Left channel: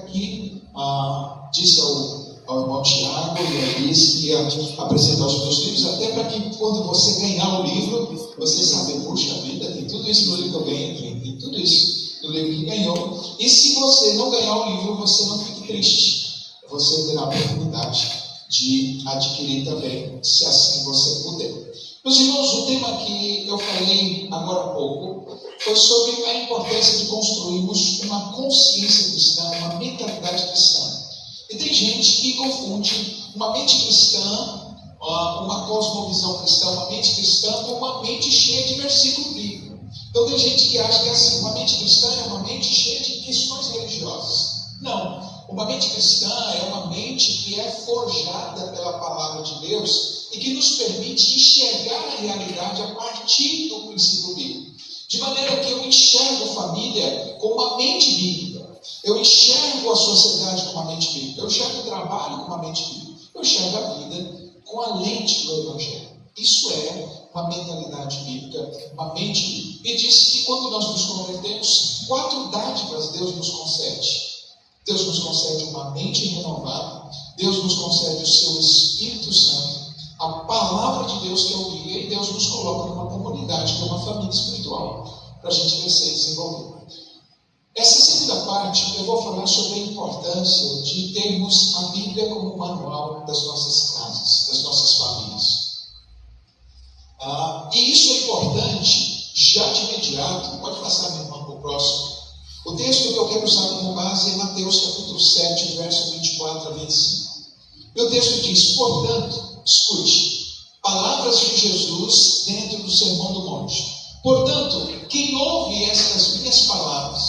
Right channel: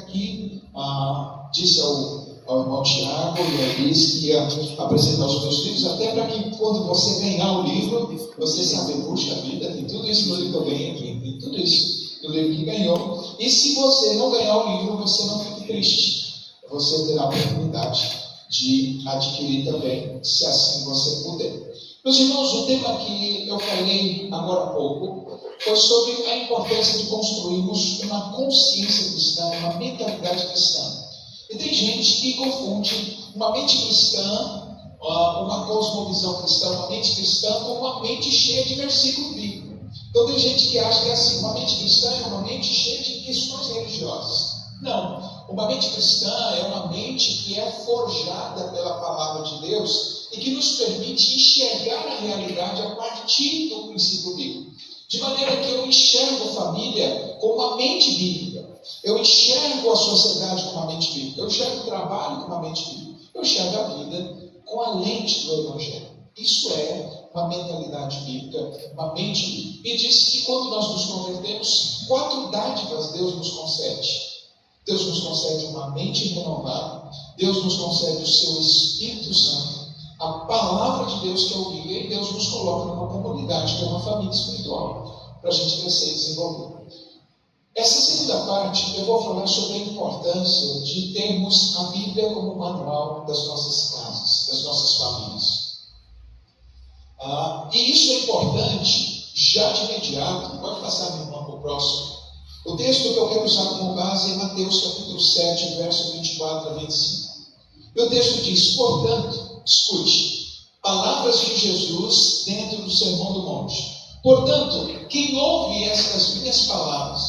Aqui disse ao irmão Tiago e a Elis que ia apresentar os meus livros, até para que quando você ganhar o livro, você sabe, puxa vida, tem tudo isso no livro que eu ganhei, tem tudo isso no livro que ganhou. E se você não ganhar o livro, você não fique triste, você terá a oportunidade de adquirir também, se assim você puder. Meus irmãos, o tema que eu falei agora há pouco foi sobre a importância de construirmos uma consciência cristã, uma mentalidade cristã. E tem gente que confunde uma mente cristã, uma cosmovisão cristã, uma mente cristã com uma mente cheia de versículo bíblico. Então tem gente que acha que é assim, uma mente cristã é uma mente cheia de questões religiosas. Não, uma mente cristã é uma mente que é forjada pela palavra de Deus e que nos permite enxergar a realidade a partir do princípio bíblico. De maneira que eu enxergo a família com uma mente bíblica, eu enxergo a sociedade com uma mente bíblica, eu enxergo o trabalho com uma mente bíblica, eu enxergo a vida com a lente do Evangelho. Isso é uma mentalidade bíblica, uma mente bíblica. E diz que quando nós nos convertemos, 4 dádivas Deus nos concede. Deus nos concede uma mente renovada, Deus nos concede o seu Espírito Santo, a palavra de Deus que é o guia, e Deus nos coloca numa comunidade, que é uma família espiritual, para a gente crescer e desenvolver. Essa segunda parte, eu vou falar sobre a importância de termos a Bíblia como manual das nossas casas, das nossas famílias. E isso é importante, já de imediato. Pode passar, minha irmã, para o próximo. O texto que eu quero usar como base é Mateus capítulo 7, verso 24 a 25. E o texto diz: portanto, escute, palavras de Jesus dentro do Sermão do Monte. Portanto, quem ouve estas minhas palavras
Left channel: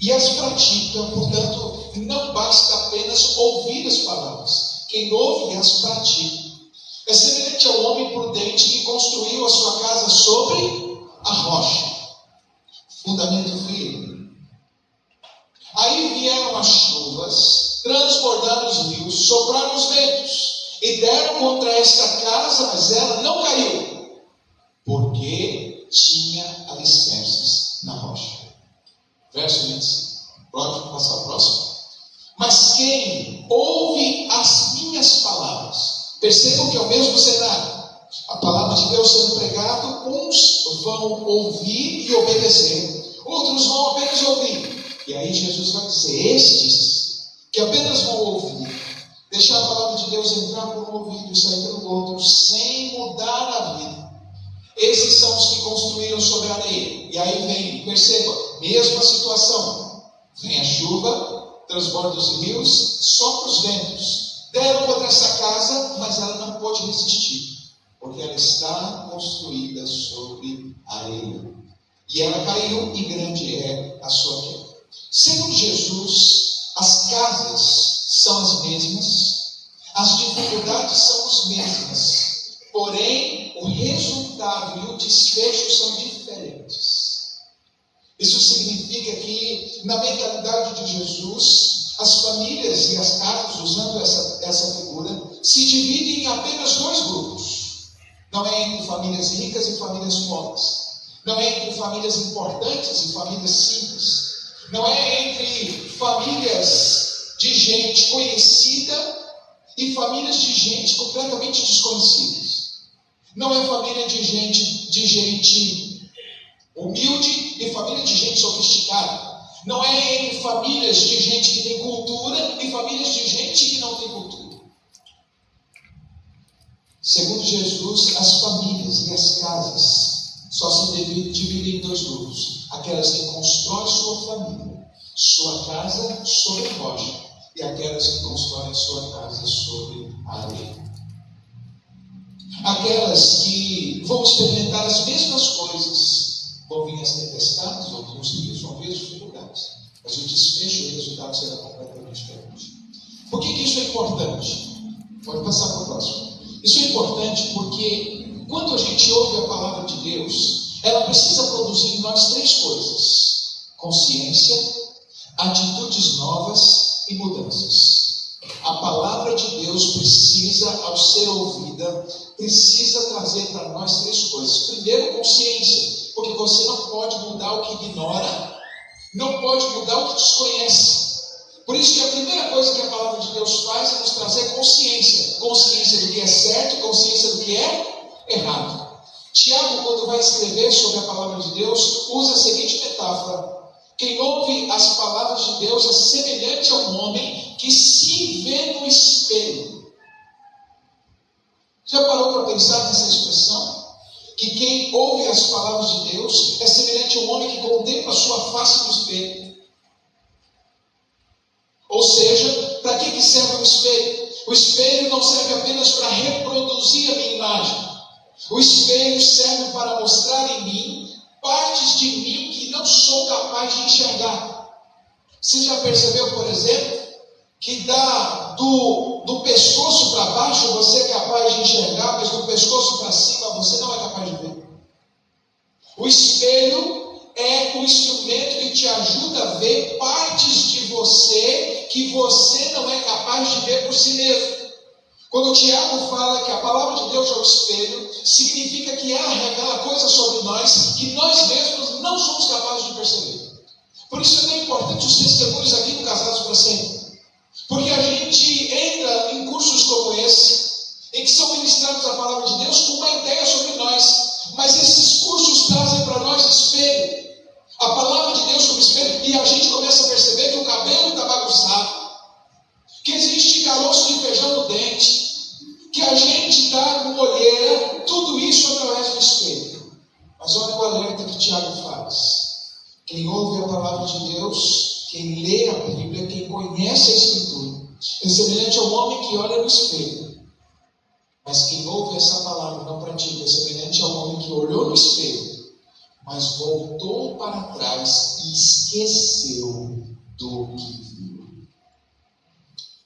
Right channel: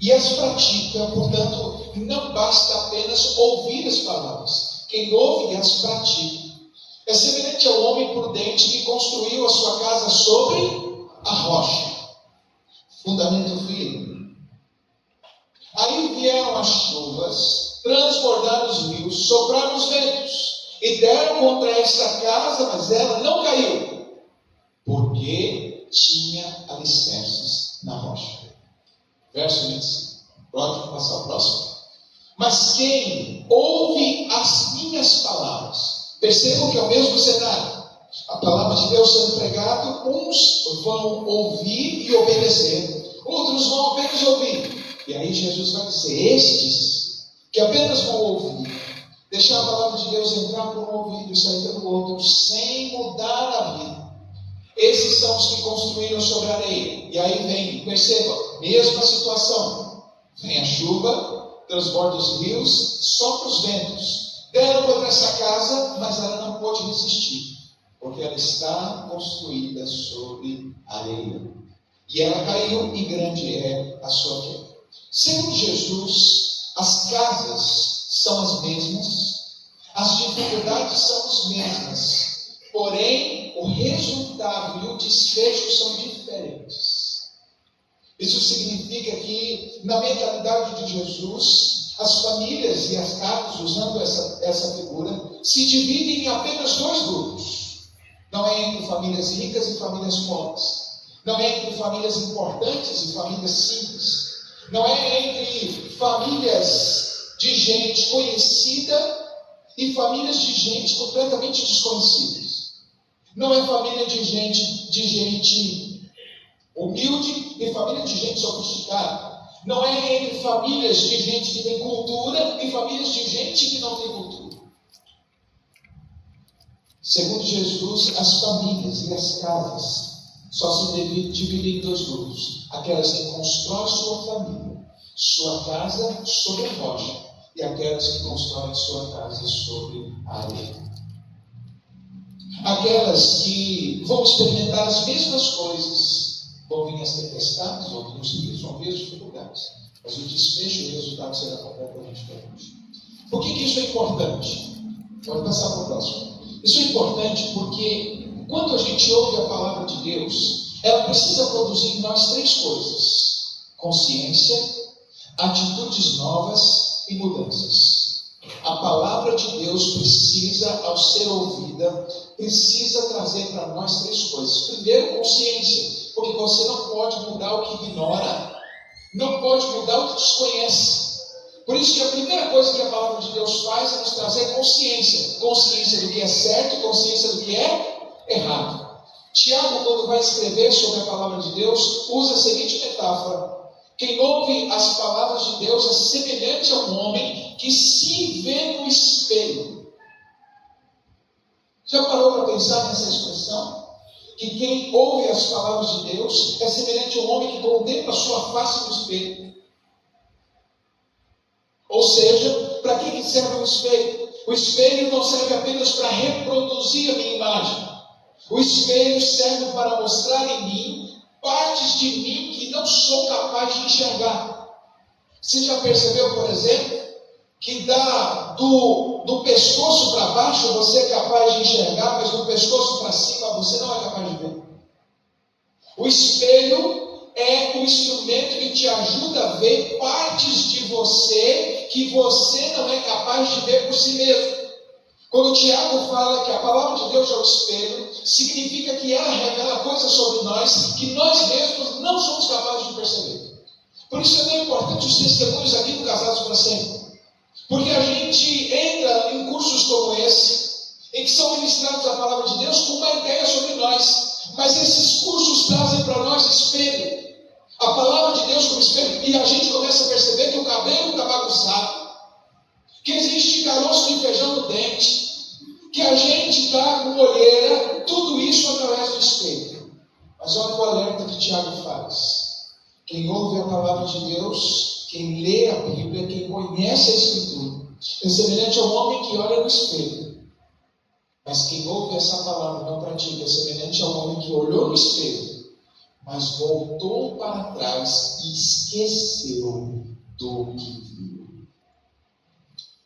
e as pratica, portanto, não basta apenas ouvir as palavras. Quem ouve e as pratica é semelhante ao homem prudente que construiu a sua casa sobre a rocha, fundamento firme. Aí vieram as chuvas, transbordaram os rios, sopraram os ventos e deram contra esta casa, mas ela não caiu, porque tinha alicerces na rocha. Verso 25. Pode passar o próximo. Mas quem ouve as minhas palavras, percebam que é o mesmo cenário. A palavra de Deus sendo pregada, uns vão ouvir e obedecer, outros vão apenas ouvir. E aí Jesus vai dizer: estes que apenas vão ouvir, deixar a palavra de Deus entrar por um ouvido e sair pelo outro, sem mudar a vida, esses são os que construíram sobre a areia. E aí vem, perceba, mesma situação. Vem a chuva, transborda os rios, sopra os ventos. Deram contra essa casa, mas ela não pôde resistir, porque ela está construída sobre areia. E ela caiu, e grande é a sua queda. Segundo Jesus, as casas são as mesmas, as dificuldades são as mesmas, porém o resultado e o desfecho são diferentes. Isso significa que, na mentalidade de Jesus, as famílias e as casas, usando essa figura, se dividem em apenas 2 grupos. Não é entre famílias ricas e famílias pobres. Não é entre famílias importantes e famílias simples. Não é entre famílias de gente conhecida e famílias de gente completamente desconhecidas. Não é família de gente humilde e família de gente sofisticada. Não é entre famílias de gente que tem cultura e famílias de gente que não tem cultura. Segundo Jesus, as famílias e as casas só se dividem em 2 grupos: aquelas que constroem sua família, sua casa sobre a rocha, e aquelas que constroem sua casa sobre a areia. Aquelas que vão experimentar as mesmas coisas, vão vir as tempestades, vão vir os rios, vão vir as dificuldades, mas o desfecho e o resultado será completamente diferente. Por que isso é importante? Pode passar para o próximo. Isso é importante porque quando a gente ouve a palavra de Deus, ela precisa produzir em nós 3 coisas: consciência, atitudes novas e mudanças. A palavra de Deus precisa, ao ser ouvida, precisa trazer para nós 3 coisas. Primeiro, consciência, porque você não pode mudar o que ignora, não pode mudar o que desconhece. Por isso que a primeira coisa que a palavra de Deus faz é nos trazer consciência. Consciência do que é certo, consciência do que é errado. Tiago, quando vai escrever sobre a palavra de Deus, usa a seguinte metáfora: quem ouve as palavras de Deus é semelhante a um homem que se vê no espelho. Já parou para pensar nessa expressão? Que quem ouve as palavras de Deus é semelhante a um homem que contempla a sua face no espelho. Ou seja, para que serve o espelho? O espelho não serve apenas para reproduzir a minha imagem. O espelho serve para mostrar em mim partes de mim que não sou capaz de enxergar. Você já percebeu, por exemplo, que do pescoço para baixo você é capaz de enxergar, mas do pescoço para cima você não é capaz de ver? O espelho é o instrumento que te ajuda a ver partes de você que você não é capaz de ver por si mesmo. Quando o Tiago fala que a palavra de Deus é o espelho, significa que ela revela coisas sobre nós que nós mesmos não somos capazes de perceber. Por isso é tão importante os testemunhos aqui no Casados para Sempre. Porque a gente entra em cursos como esse, em que são ministrados a palavra de Deus com uma ideia sobre nós. Mas esses cursos trazem para nós espelho. A palavra de Deus como espelho. E a gente começa a perceber que o cabelo está bagunçado, que existe caroço de feijão no dente, que a gente está com olheira, tudo isso através do espelho. Mas olha o alerta que Tiago faz. Quem ouve a palavra de Deus, quem lê a Bíblia, quem conhece a Escritura, é semelhante a um homem que olha no espelho. Mas quem ouve essa palavra e não pratica, é semelhante a um homem que olhou no espelho, mas voltou para trás e esqueceu do que viu.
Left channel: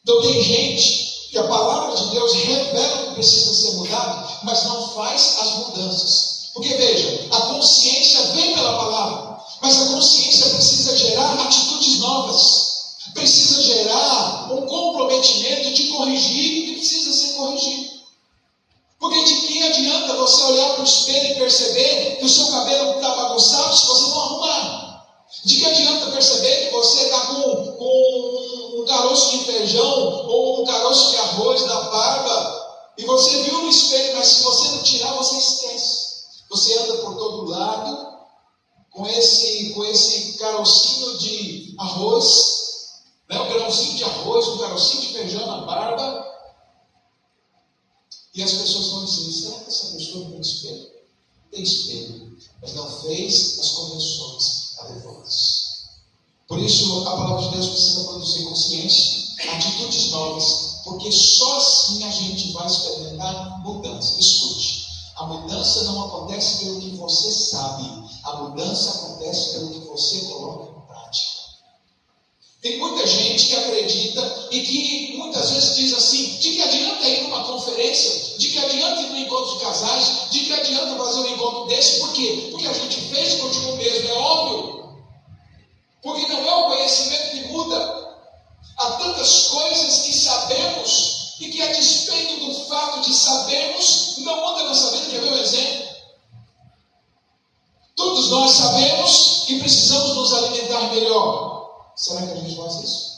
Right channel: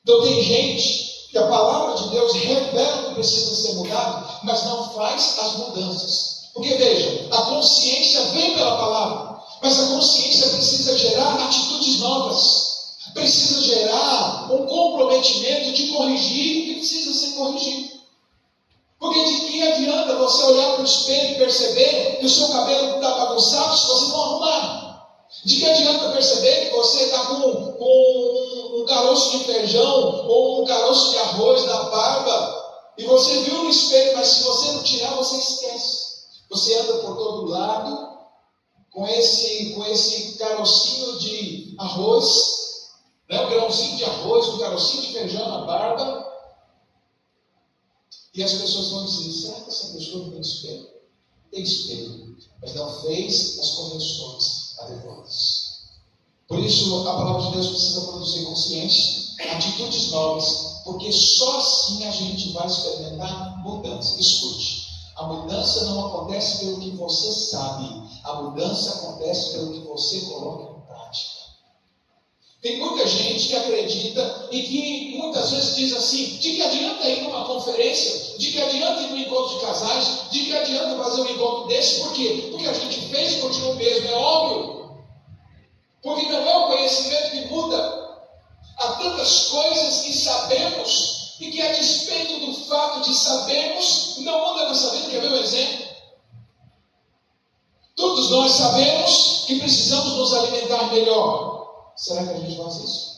Então tem gente que a palavra de Deus revela que precisa ser mudado, mas não faz as mudanças. Porque veja, a consciência vem pela palavra, mas a consciência precisa gerar atitudes novas. Precisa gerar um comprometimento de corrigir o que precisa ser corrigido. Porque de que adianta você olhar para o espelho e perceber que o seu cabelo está bagunçado se você não arrumar? De que adianta perceber que você está com um caroço de feijão ou um caroço de arroz na barba e você viu no espelho, mas se você não tirar, você esquece. Você anda por todo lado com esse carocinho de arroz, né? Um grãozinho de arroz, um carocinho de feijão na barba. E as pessoas vão dizer: será que essa pessoa não tem espelho? Tem espelho, mas não fez as correções adequadas. Por isso, a palavra de Deus precisa produzir consciência, atitudes novas, porque só assim a gente vai experimentar mudança. Escute, a mudança não acontece pelo que você sabe, a mudança acontece pelo que você coloca em prática. Tem muita gente que acredita e que muitas vezes diz assim: de que adianta ir numa conferência, de que adianta ir num encontro de casais, de que adianta fazer um encontro desse? Por quê? Porque a gente fez e continua o mesmo, é óbvio. Porque não é o conhecimento que muda. Há tantas coisas que sabemos e que, a despeito do fato de sabermos, não muda a nossa vida. Quer ver um exemplo? Todos nós sabemos que precisamos nos alimentar melhor. Será que a gente faz isso?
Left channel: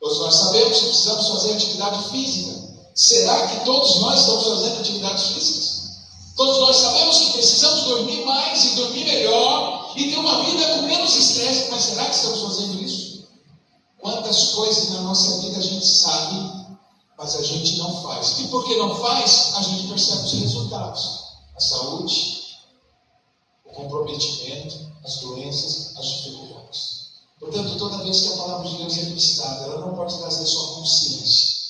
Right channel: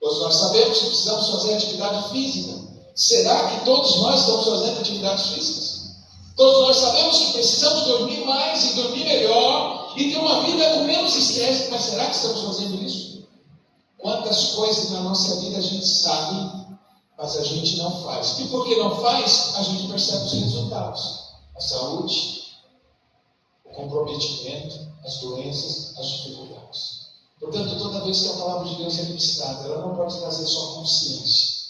Todos nós sabemos que precisamos fazer atividade física. Será que todos nós estamos fazendo atividades físicas? Todos nós sabemos que precisamos dormir mais e dormir melhor e ter uma vida com menos estresse, mas será que estamos fazendo isso? Quantas coisas na nossa vida a gente sabe, mas a gente não faz. E porque não faz, a gente percebe os resultados. A saúde, o comprometimento, as doenças, as dificuldades. Portanto, toda vez que a palavra de Deus é ministrada, ela não pode trazer só consciência.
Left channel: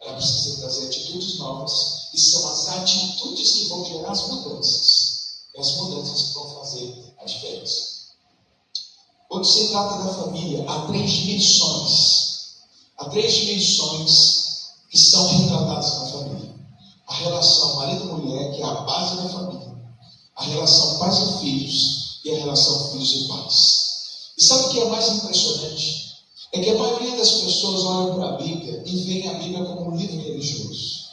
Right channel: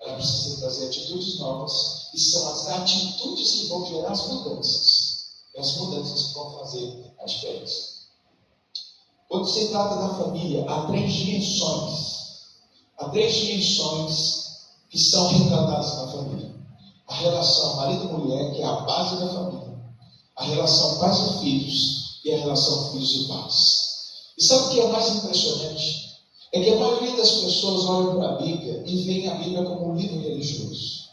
Ela precisa trazer atitudes novas, e são as atitudes que vão gerar as mudanças. E as mudanças que vão fazer a diferença. Quando se trata da família, há três dimensões. Há três dimensões que são retratadas na família. A relação marido-mulher, que é a base da família. A relação pais e filhos e a relação filhos e pais. E sabe o que é mais impressionante? É que a maioria das pessoas olham para a Bíblia e veem a Bíblia como um livro religioso.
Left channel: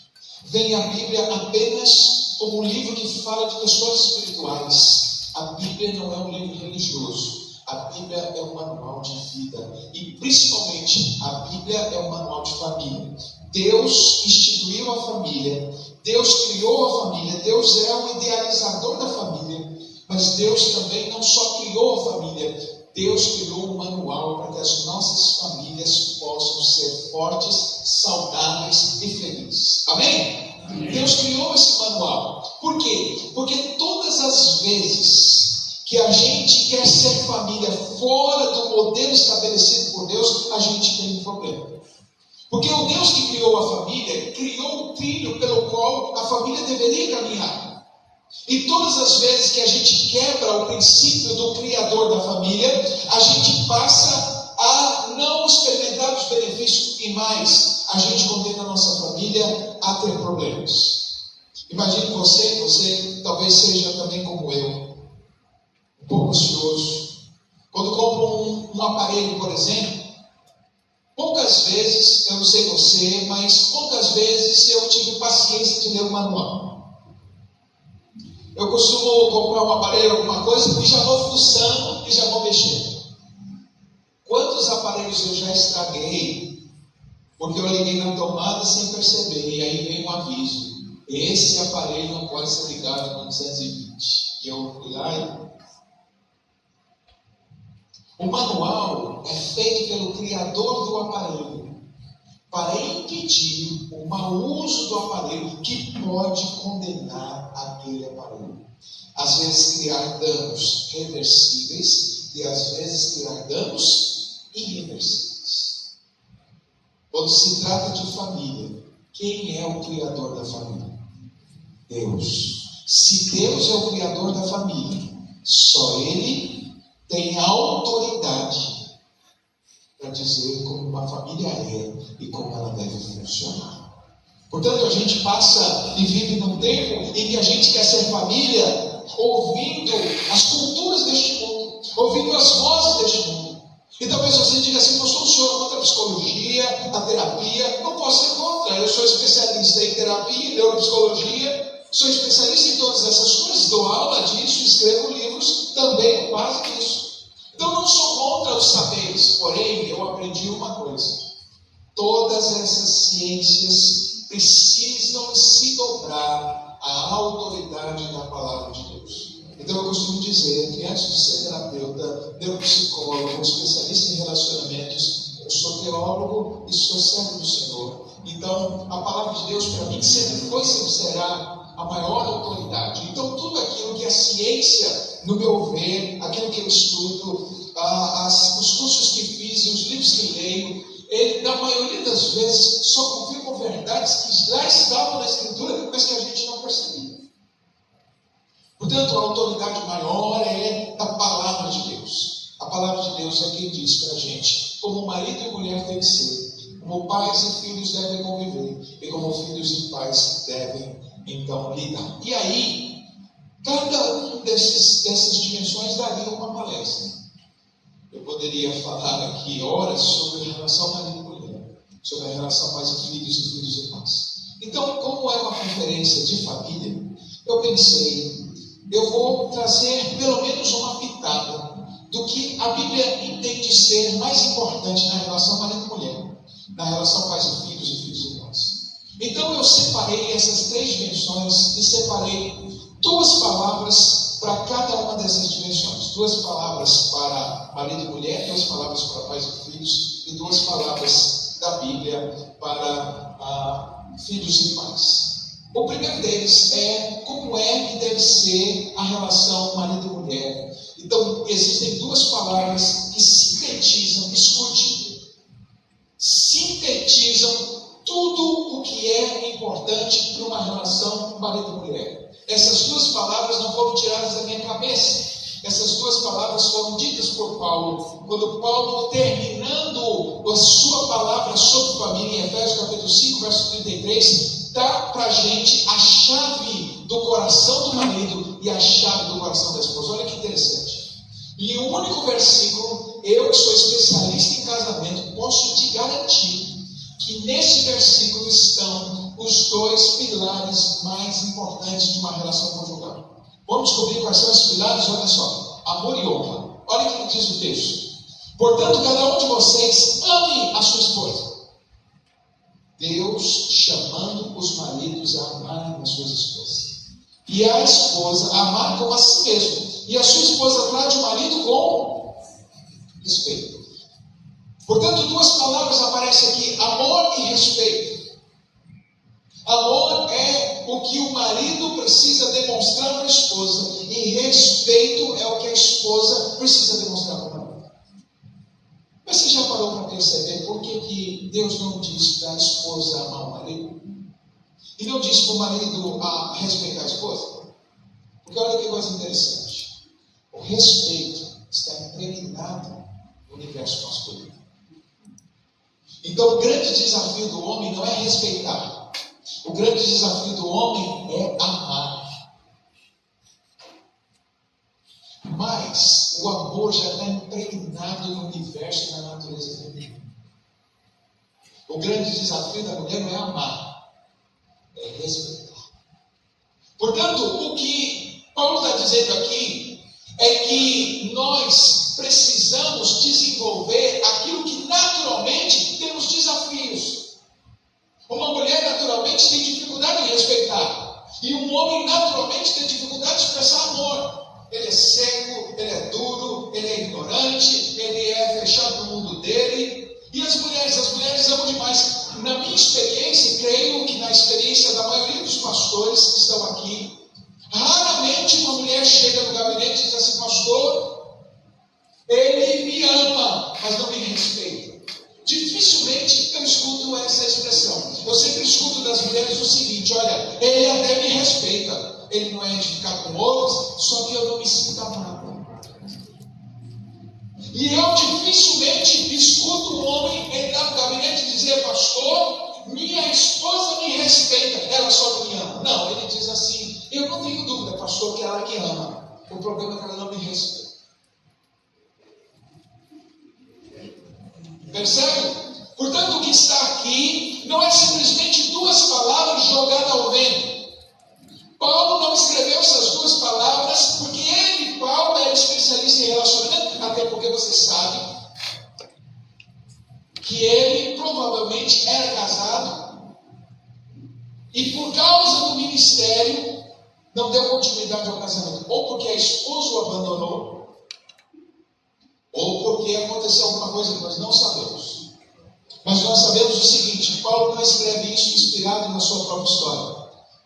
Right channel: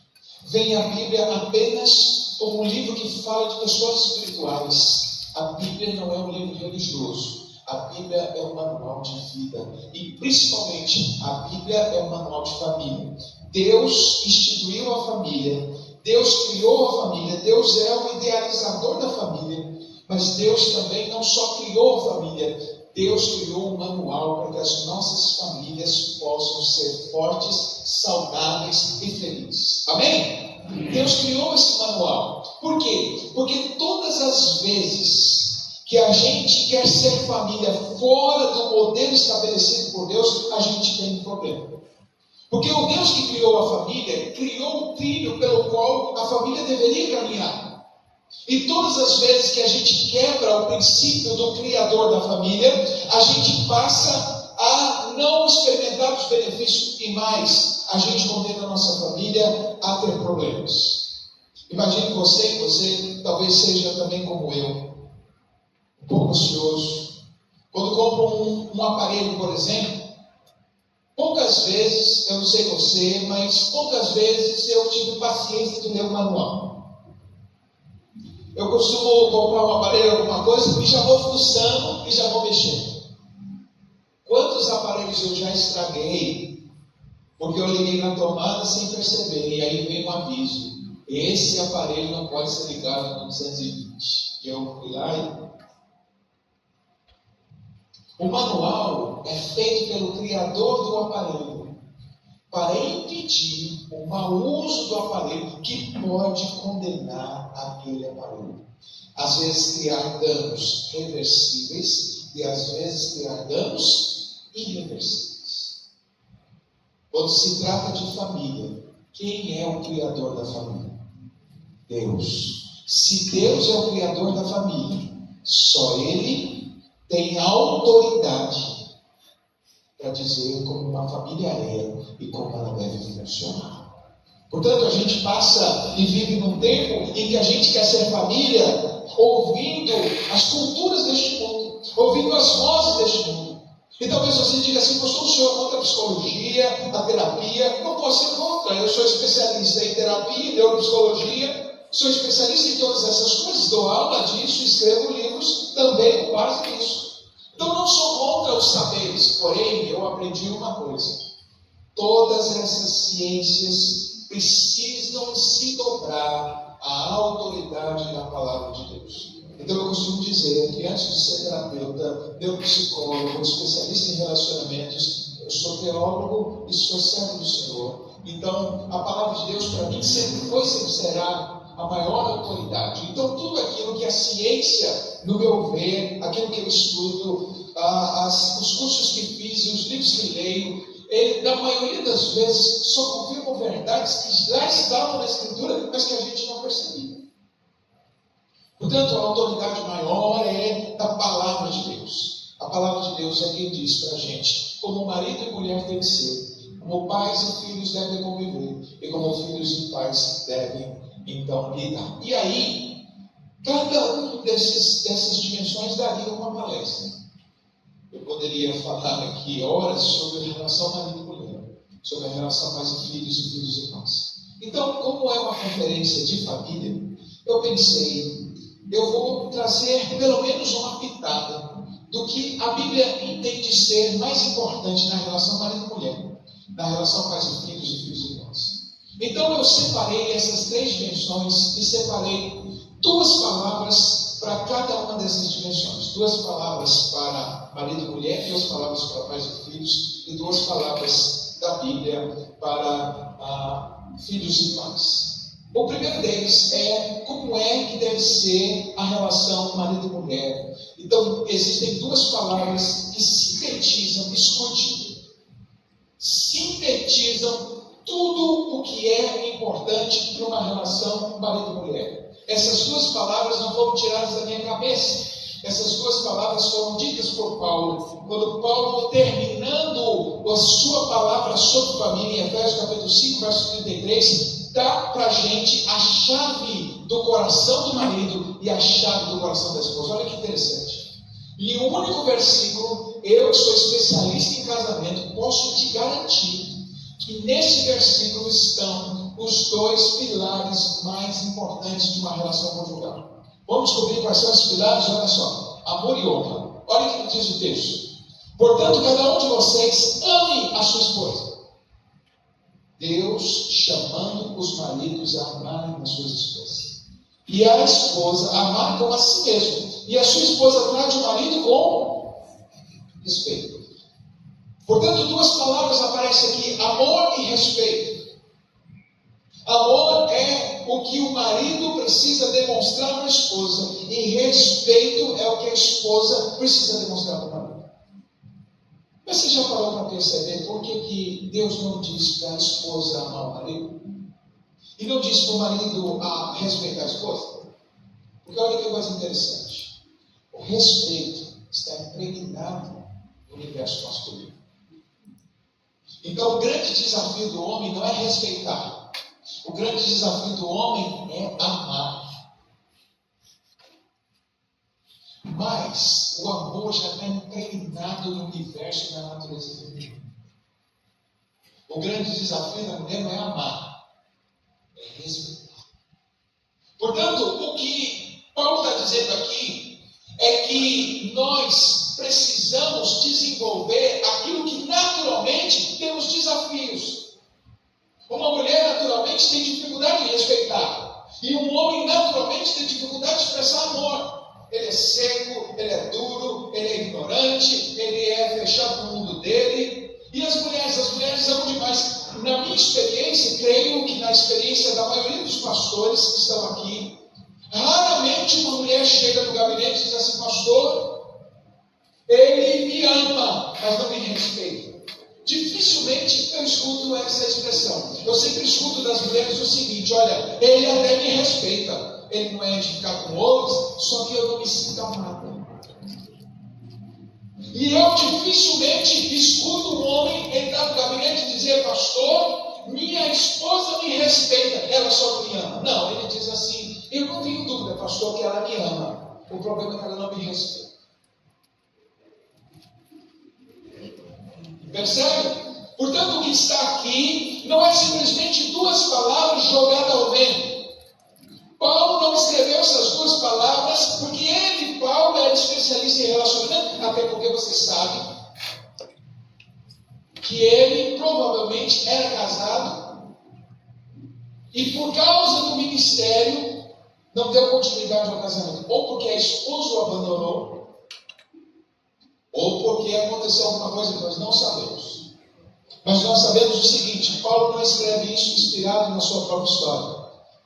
Veem a Bíblia apenas como um livro que fala de questões espirituais. A Bíblia não é um livro religioso. A Bíblia é um manual de vida e, principalmente, a Bíblia é um manual de família. Deus instituiu a família, Deus criou a família, Deus é o idealizador da família, mas Deus também não só criou a família, Deus criou um manual para que as nossas famílias possam ser fortes, saudáveis e felizes. Amém? Deus criou esse manual. Por quê? Porque todas as vezes que a gente quer ser família fora do modelo estabelecido por Deus, a gente tem um problema. Porque o Deus que criou a família, criou o trilho pelo qual a família deveria caminhar. E todas as vezes que a gente quebra o princípio do Criador da família, a gente passa a não experimentar os benefícios e mais, a gente condena a nossa família a ter problemas. Imagine você talvez seja também como eu, um pouco ansioso. Quando compro um aparelho, por exemplo, poucas vezes, eu não sei você, mas poucas vezes eu tive paciência de ler o manual. Eu costumo comprar um aparelho, alguma coisa, e já vou fuçando e já vou mexendo. Quantos aparelhos eu já estraguei, porque eu liguei na tomada sem perceber, e aí vem um aviso: esse aparelho não pode ser ligado com 220. E eu fui lá e... O manual é feito pelo criador do aparelho para impedir o mau uso do aparelho que pode condenar aquele aparelho. Às vezes criar danos reversíveis e às vezes criar danos irreversíveis. Quando se trata de família, quem é o criador da família? Deus. Se Deus é o criador da família, só Ele tem autoridade para dizer como uma família é e como ela deve funcionar. Portanto, a gente passa e vive num tempo em que a gente quer ser família ouvindo as culturas deste mundo, ouvindo as vozes deste mundo. E talvez você diga assim: pastor, o senhor é contra a psicologia, a terapia? Não posso ser contra, eu sou especialista em terapia e neuropsicologia, sou especialista em todas essas coisas, dou aula disso, escrevo livros também com base nisso. Então não sou contra os saberes, porém eu aprendi uma coisa: todas essas ciências precisam se dobrar à autoridade da palavra de Deus. Então eu costumo dizer que antes de ser terapeuta, neuropsicólogo, especialista em relacionamentos, eu sou teólogo e sou servo do Senhor. Então a palavra de Deus para mim sempre foi, sempre será a maior autoridade. Então tudo aquilo que é ciência, no meu ver, aquilo que eu estudo, os cursos que fiz e os livros que leio, na maioria das vezes só confirmam verdades que já estavam na Escritura, mas que a gente não percebia. Portanto, a autoridade maior é a palavra de Deus. A palavra de Deus é quem diz para a gente como marido e mulher tem que ser, como pais e filhos devem conviver, e como filhos e pais devem então lidar. E aí, cada um dessas dimensões daria uma palestra. Eu poderia falar aqui horas sobre a relação marido e mulher, sobre a relação pais e filhos e pais. Então, como é uma conferência de família, eu pensei, eu vou trazer pelo menos uma pitada do que a Bíblia entende ser mais importante na relação marido e mulher, na relação pais e filhos e pais. Então eu separei essas três dimensões e separei duas palavras para cada uma dessas dimensões. Duas palavras para marido e mulher, duas palavras para pais e filhos e duas palavras da Bíblia para filhos e pais. O primeiro deles é como é que deve ser a relação marido e mulher. Então existem duas palavras que sintetizam, escute, sintetizam tudo o que é importante para uma relação marido e mulher. Essas duas palavras não foram tiradas da minha cabeça. Essas duas palavras foram ditas por Paulo, quando Paulo, terminando a sua palavra sobre família, em Efésios capítulo 5, verso 33, dá para a gente a chave do coração do marido e a chave do coração da esposa. Olha que interessante. Em um único versículo, eu que sou especialista em casamento, posso te garantir que neste versículo estão os dois pilares mais importantes de uma relação conjugal. Vamos descobrir quais são os pilares? Olha só, amor e honra. Olha o que diz o texto. Portanto, cada um de vocês ame a sua esposa. Deus chamando os maridos a amarem as suas esposas. E a esposa a amar como a si mesma. E a sua esposa trate o marido com respeito. Portanto, duas palavras aparecem aqui: amor e respeito. Amor é o que o marido precisa demonstrar para a esposa, e respeito é o que a esposa precisa demonstrar para o marido. Mas você já parou para perceber por que Deus não diz para a esposa amar o marido? E não diz para o marido a respeitar a esposa? Porque olha que coisa interessante. O respeito está impregnado no universo masculino. Então o grande desafio do homem não é respeitar. O grande desafio do homem é amar. Mas o amor já está impregnado no universo da natureza feminina. O grande desafio da mulher não é amar, é respeitar. Portanto, o que Paulo está dizendo aqui é que nós precisamos desenvolver aquilo que naturalmente temos desafios. Uma mulher naturalmente tem dificuldade de respeitar, e um homem naturalmente tem dificuldade de expressar amor. Ele é cego, ele é duro, ele é ignorante, ele é fechado no mundo dele. E as mulheres amam demais. Na minha experiência, creio que na experiência da maioria dos pastores que estão aqui, raramente uma mulher chega no gabinete e diz assim: pastor, ele me ama, mas não me respeita. Dificilmente eu escuto essa expressão. Eu sempre escuto das mulheres o seguinte: olha, ele até me respeita, ele não é de ficar com outros, só que eu não me sinto amada. E eu dificilmente escuto um homem entrar no gabinete e dizer: pastor, minha esposa me respeita, ela só não me ama. Não, ele diz assim: eu não tenho dúvida, pastor, que ela me ama, o problema é que ela não me respeita. Percebe? Portanto, o que está aqui não é simplesmente duas palavras jogadas ao vento. Paulo não escreveu essas duas palavras porque ele, Paulo, era especialista em relacionamento, até porque você sabe que ele provavelmente era casado e por causa do ministério não deu continuidade ao casamento, ou porque a esposa o abandonou, ou porque aconteceu alguma coisa que nós não sabemos. Mas nós sabemos o seguinte: Paulo não escreve isso inspirado na sua própria história.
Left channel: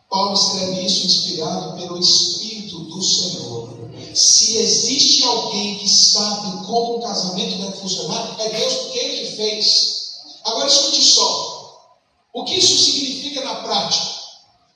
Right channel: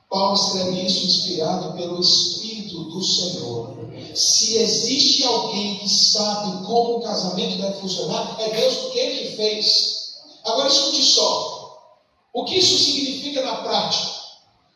Paulo escreve isso inspirado pelo Espírito do Senhor. Se existe alguém que sabe como um casamento deve funcionar, é Deus, porque Ele que fez. Agora escute só. O que isso significa na prática?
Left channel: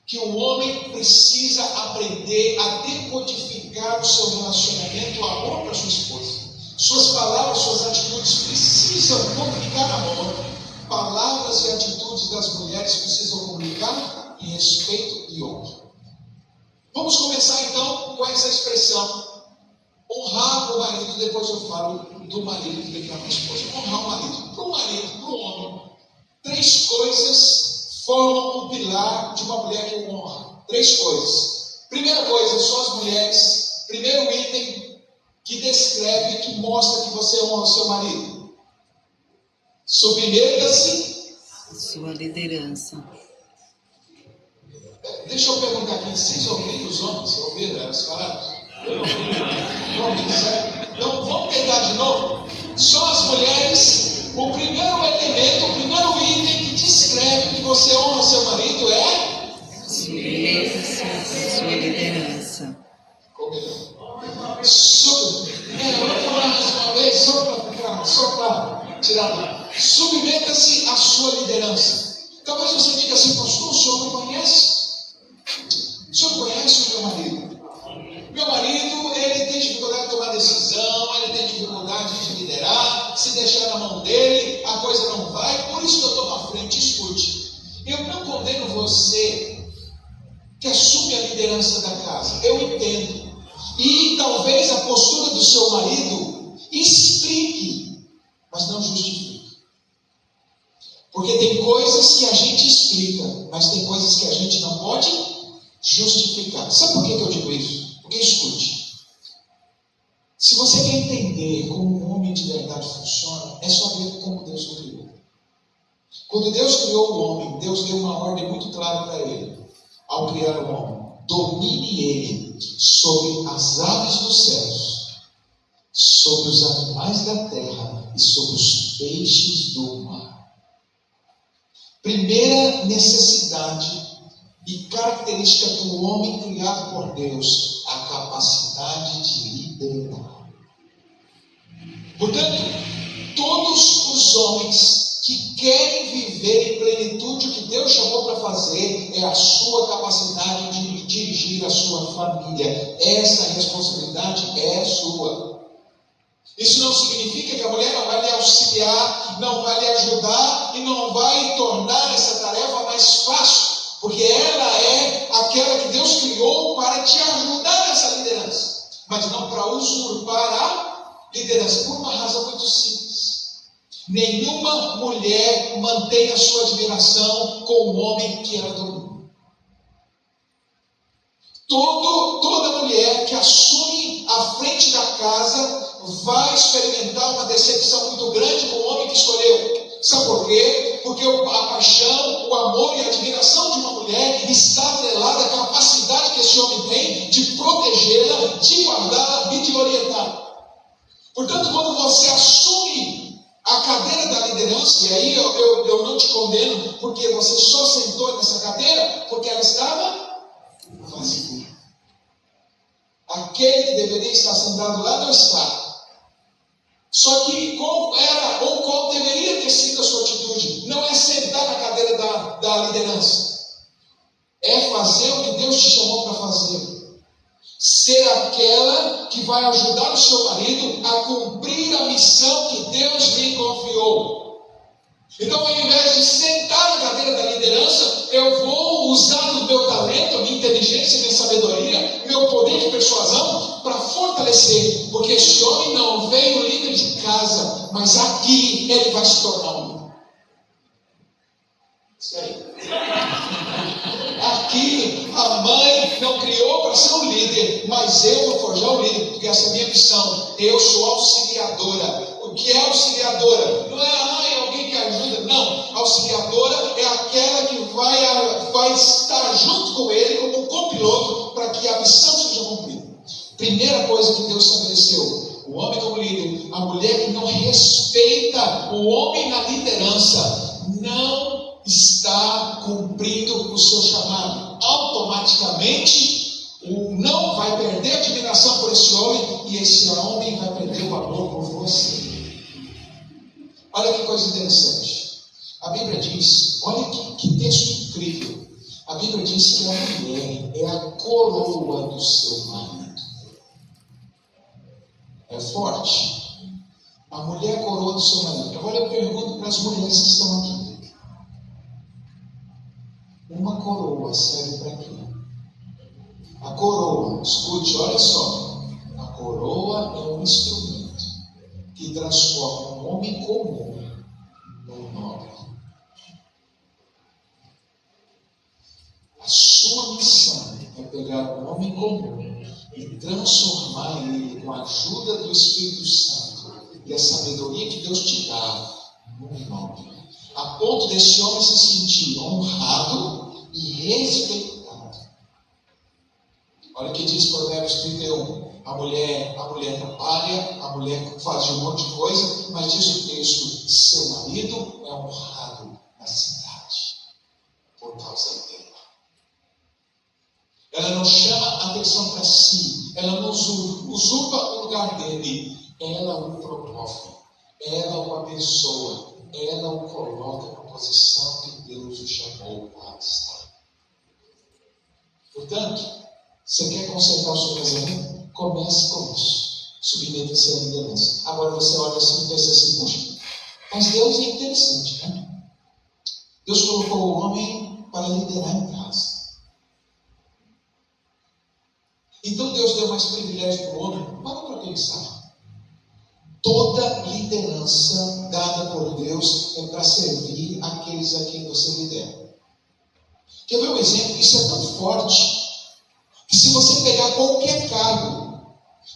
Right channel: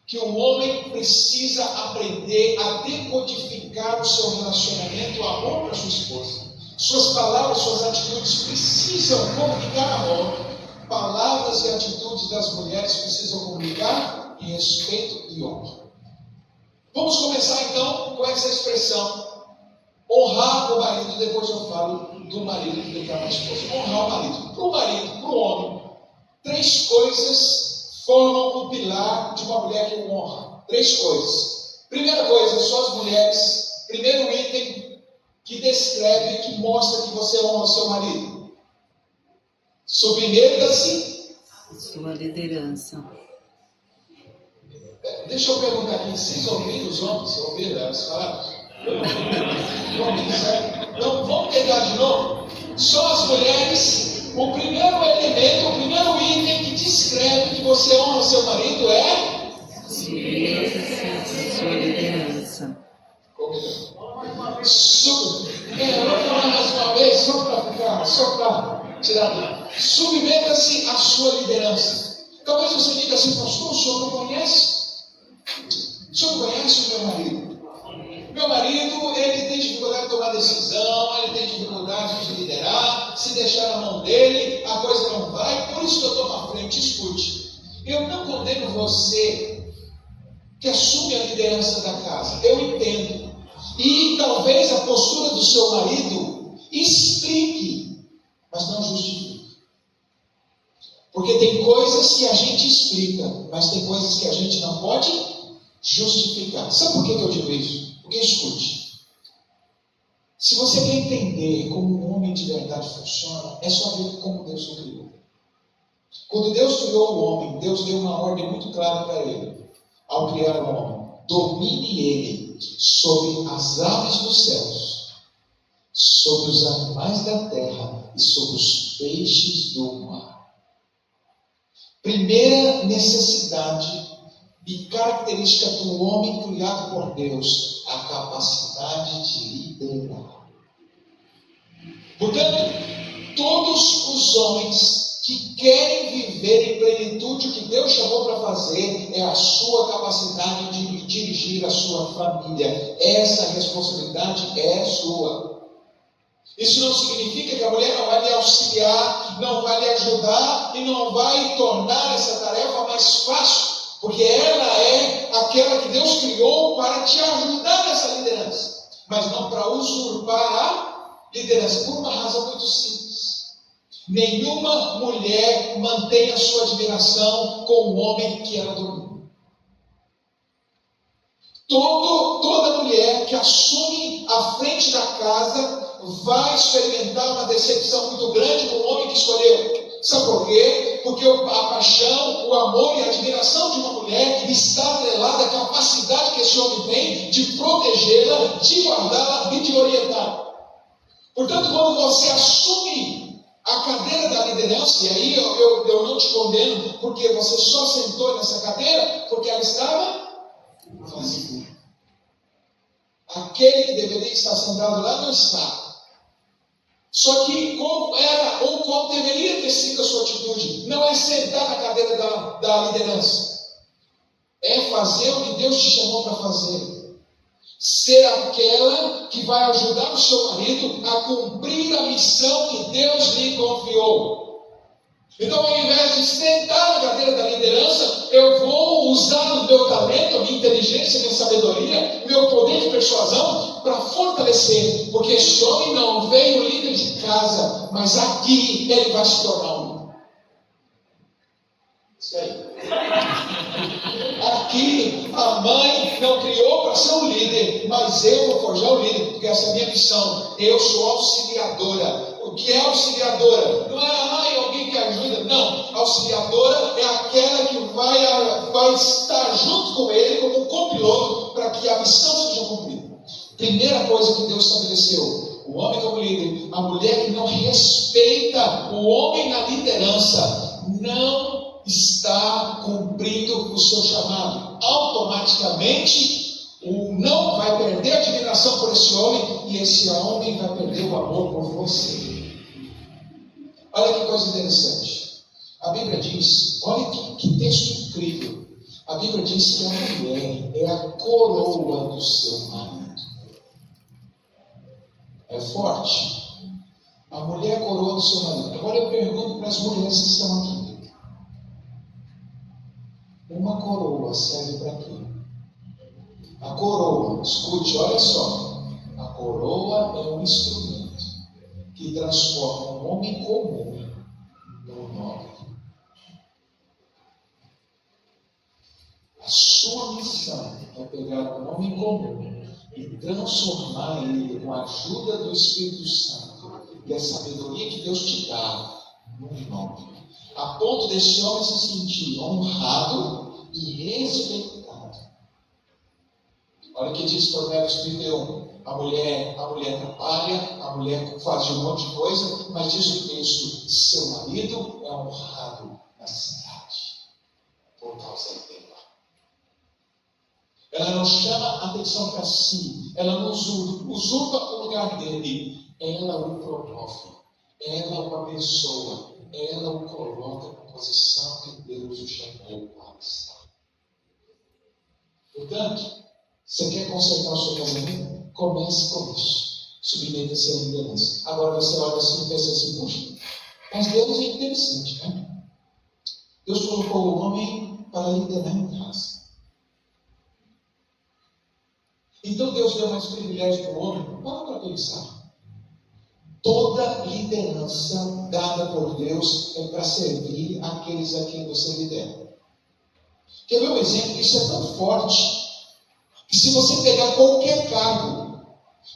Que o homem precisa aprender a decodificar o seu relacionamento, o amor para sua esposa. Suas palavras, suas atitudes precisam comunicar amor. Palavras e atitudes das mulheres precisam comunicar respeito e honra. Vamos começar então com essa expressão: honrar o marido. Depois eu falo do marido que tem que amar a esposa. Honrar o marido. Para o marido, para o homem, três coisas formam um pilar de uma mulher que o honra. Três coisas. Primeira coisa, só as mulheres. Primeiro item que descreve, que mostra que você honra o seu marido. Submeta-se à sua liderança. Deixa eu perguntar aqui, vocês ouviram os homens? Ouviram as palavras? Então vamos pegar de novo. Só as mulheres, o primeiro elemento, o primeiro item que descreve que você honra seu marido é submeta-se à sua liderança. Vamos falar mais uma vez, só para tirar. Submeta-se à sua liderança. Talvez você diga assim: pastor, o senhor não conhece? O senhor conhece o meu marido? Meu marido, ele tem dificuldade de tomar decisão, ele tem dificuldade de liderar. Se deixar na mão dele, a coisa não vai. Por isso que eu estou na frente. Escute, eu não condeno você que assume a liderança da casa. Eu entendo. E talvez a postura do seu marido explique, mas não justifique. Porque tem coisas que a gente explica, mas tem coisas que a gente não pode justificar. Sabe por que eu digo isso? Porque escute. Se você quer entender como um homem de verdade funciona, é só ver como Deus o criou. Quando Deus criou o homem, Deus deu uma ordem muito clara para ele. Ao criar o homem, domine ele sobre as aves dos céus, sobre os animais da terra e sobre os peixes do mar. Primeira necessidade e característica do homem criado por Deus, a capacidade de liderar. Portanto, todos os homens que querem viver em plenitude o que Deus chamou para fazer é a sua capacidade de dirigir a sua família. Essa responsabilidade é sua. Isso não significa que a mulher não vai lhe auxiliar, não vai lhe ajudar e não vai tornar essa tarefa mais fácil, porque ela é aquela que Deus criou para te ajudar nessa liderança, mas não para usurpar a liderança, por uma razão muito simples. Nenhuma mulher mantém a sua admiração com o homem que ela domina. Toda mulher que assume a frente da casa vai experimentar uma decepção muito grande com o homem que escolheu. Sabe por quê? Porque a paixão, o amor e a admiração de uma mulher está atrelada à capacidade que esse homem tem de protegê-la, de guardá-la e de orientar. Portanto, quando você assume a cadeira da liderança, e aí eu não te condeno, porque você só sentou nessa cadeira porque ela estava vazia. Aquele que deveria estar sentado lá não está. Só que qual era ou qual deveria ter sido a sua atitude? Não é sentar na cadeira da liderança. É fazer o que Deus te chamou para fazer. Ser aquela que vai ajudar o seu marido a cumprir a missão que Deus lhe confiou. Então, ao invés de sentar na cadeira da liderança, eu vou usar o meu talento, a minha inteligência, a minha sabedoria, meu poder de persuasão para fortalecer, porque esse homem não veio líder de casa, mas aqui ele vai se tornar um líder. Isso aí. Aqui a mãe não criou para ser um líder, mas eu vou forjar um líder, porque essa é a minha missão. Eu sou auxiliadora. O que é auxiliadora? Não é alguém que ajuda, não. Auxiliadora é aquela que vai estar junto com ele como um copiloto para que a missão seja cumprida. Primeira coisa que Deus estabeleceu: o homem como líder. A mulher que não respeita o homem na liderança não está cumprindo o seu chamado. Automaticamente não vai perder a admiração por esse homem, e esse homem vai perder o amor por você. Olha que coisa interessante. A Bíblia diz, olha que texto incrível. A Bíblia diz que a mulher é a coroa do seu marido. É forte. A mulher é a coroa do seu marido. Agora eu pergunto para as mulheres que estão aqui. Uma coroa serve para quê? A coroa, escute, olha só. A coroa é um instrumento que transforma um homem comum num nobre. A sua missão é pegar um homem comum e transformar ele com a ajuda do Espírito Santo e a sabedoria que Deus te dá num nobre, a ponto desse homem se sentir honrado e respeitado. Olha o que diz Provérbios 31. A mulher trabalha, a mulher faz um monte de coisa, mas diz o texto: seu marido é honrado na cidade por causa dela. Ela não chama atenção para si, ela não usurpa o lugar dele, ela o promove, ela o abençoa, ela o coloca na posição que Deus o chamou para estar. Portanto, você quer consertar o seu casamento? Comece com isso. Submeta-se à liderança. Agora você olha assim e pensa assim: puxa, mas Deus é interessante, né? Deus colocou o homem para liderar em casa. Então Deus deu mais privilégio para o homem? Para pensar. Toda liderança dada por Deus é para servir aqueles a quem você lidera. Quer ver um exemplo? Isso é tão forte que se você pegar qualquer cargo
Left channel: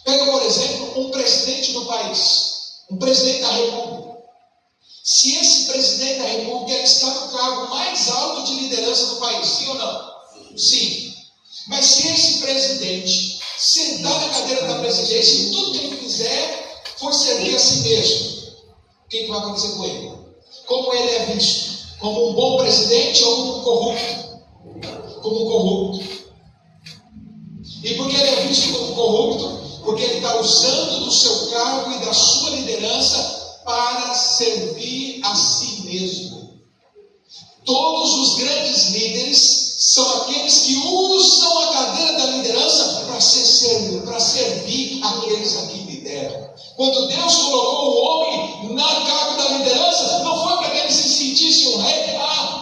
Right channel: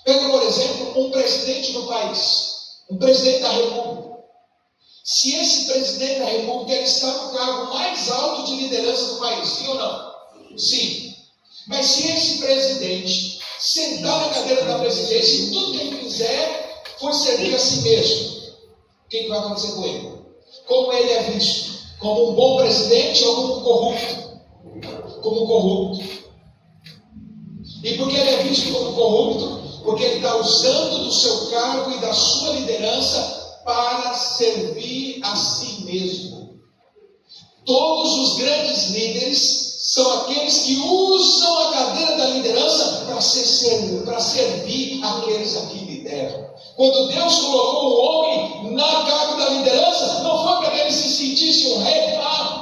Pega, por exemplo, um presidente do país, um presidente da República. Se esse presidente da República ele está no cargo mais alto de liderança do país, sim ou não? Sim. Mas se esse presidente sentar na cadeira da presidência e tudo que ele fizer for servir a si mesmo, o que vai acontecer com ele? Como ele é visto? Como um bom presidente ou como um corrupto? Como um corrupto. E por que ele é visto como corrupto? Porque ele está usando do seu cargo e da sua liderança para servir a si mesmo. Todos os grandes líderes são aqueles que usam a cadeira da liderança para servir aqueles a quem lideram. Quando Deus colocou o homem na cargo da liderança, não foi para que ele se sentisse um rei.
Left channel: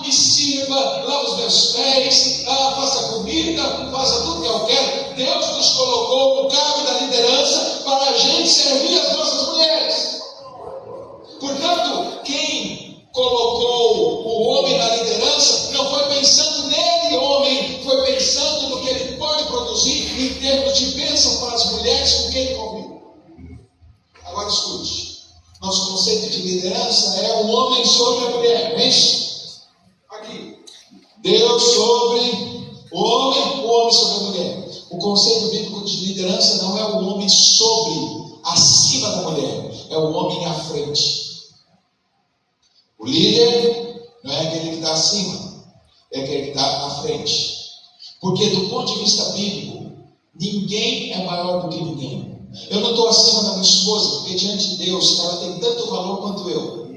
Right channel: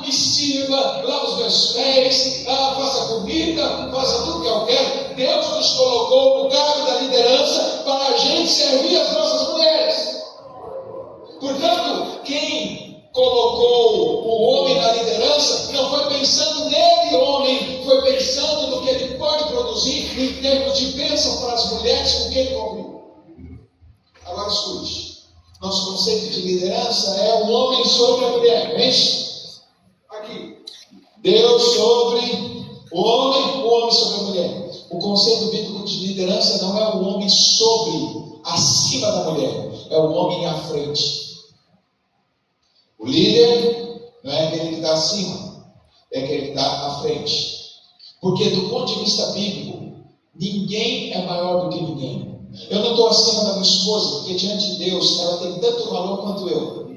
Me sirva, lava os meus pés, faça comida, faça tudo que eu quero. Deus nos colocou no cargo da liderança para a gente servir as nossas mulheres. Portanto, quem colocou o homem na liderança não foi pensando nele, homem, foi pensando no que ele pode produzir em termos de bênção para as mulheres com quem ele convive. Agora escute, nosso conceito de liderança é o homem sobre a mulher, não é isso? Aqui, Deus sobre o homem sobre a mulher. O conceito bíblico de liderança não é o homem sobre, acima da mulher, é o homem à frente. O líder não é aquele que está acima, é aquele que está à frente. Porque do ponto de vista bíblico, ninguém é maior do que ninguém. Eu não estou acima da minha esposa, porque diante de Deus ela tem tanto valor quanto eu.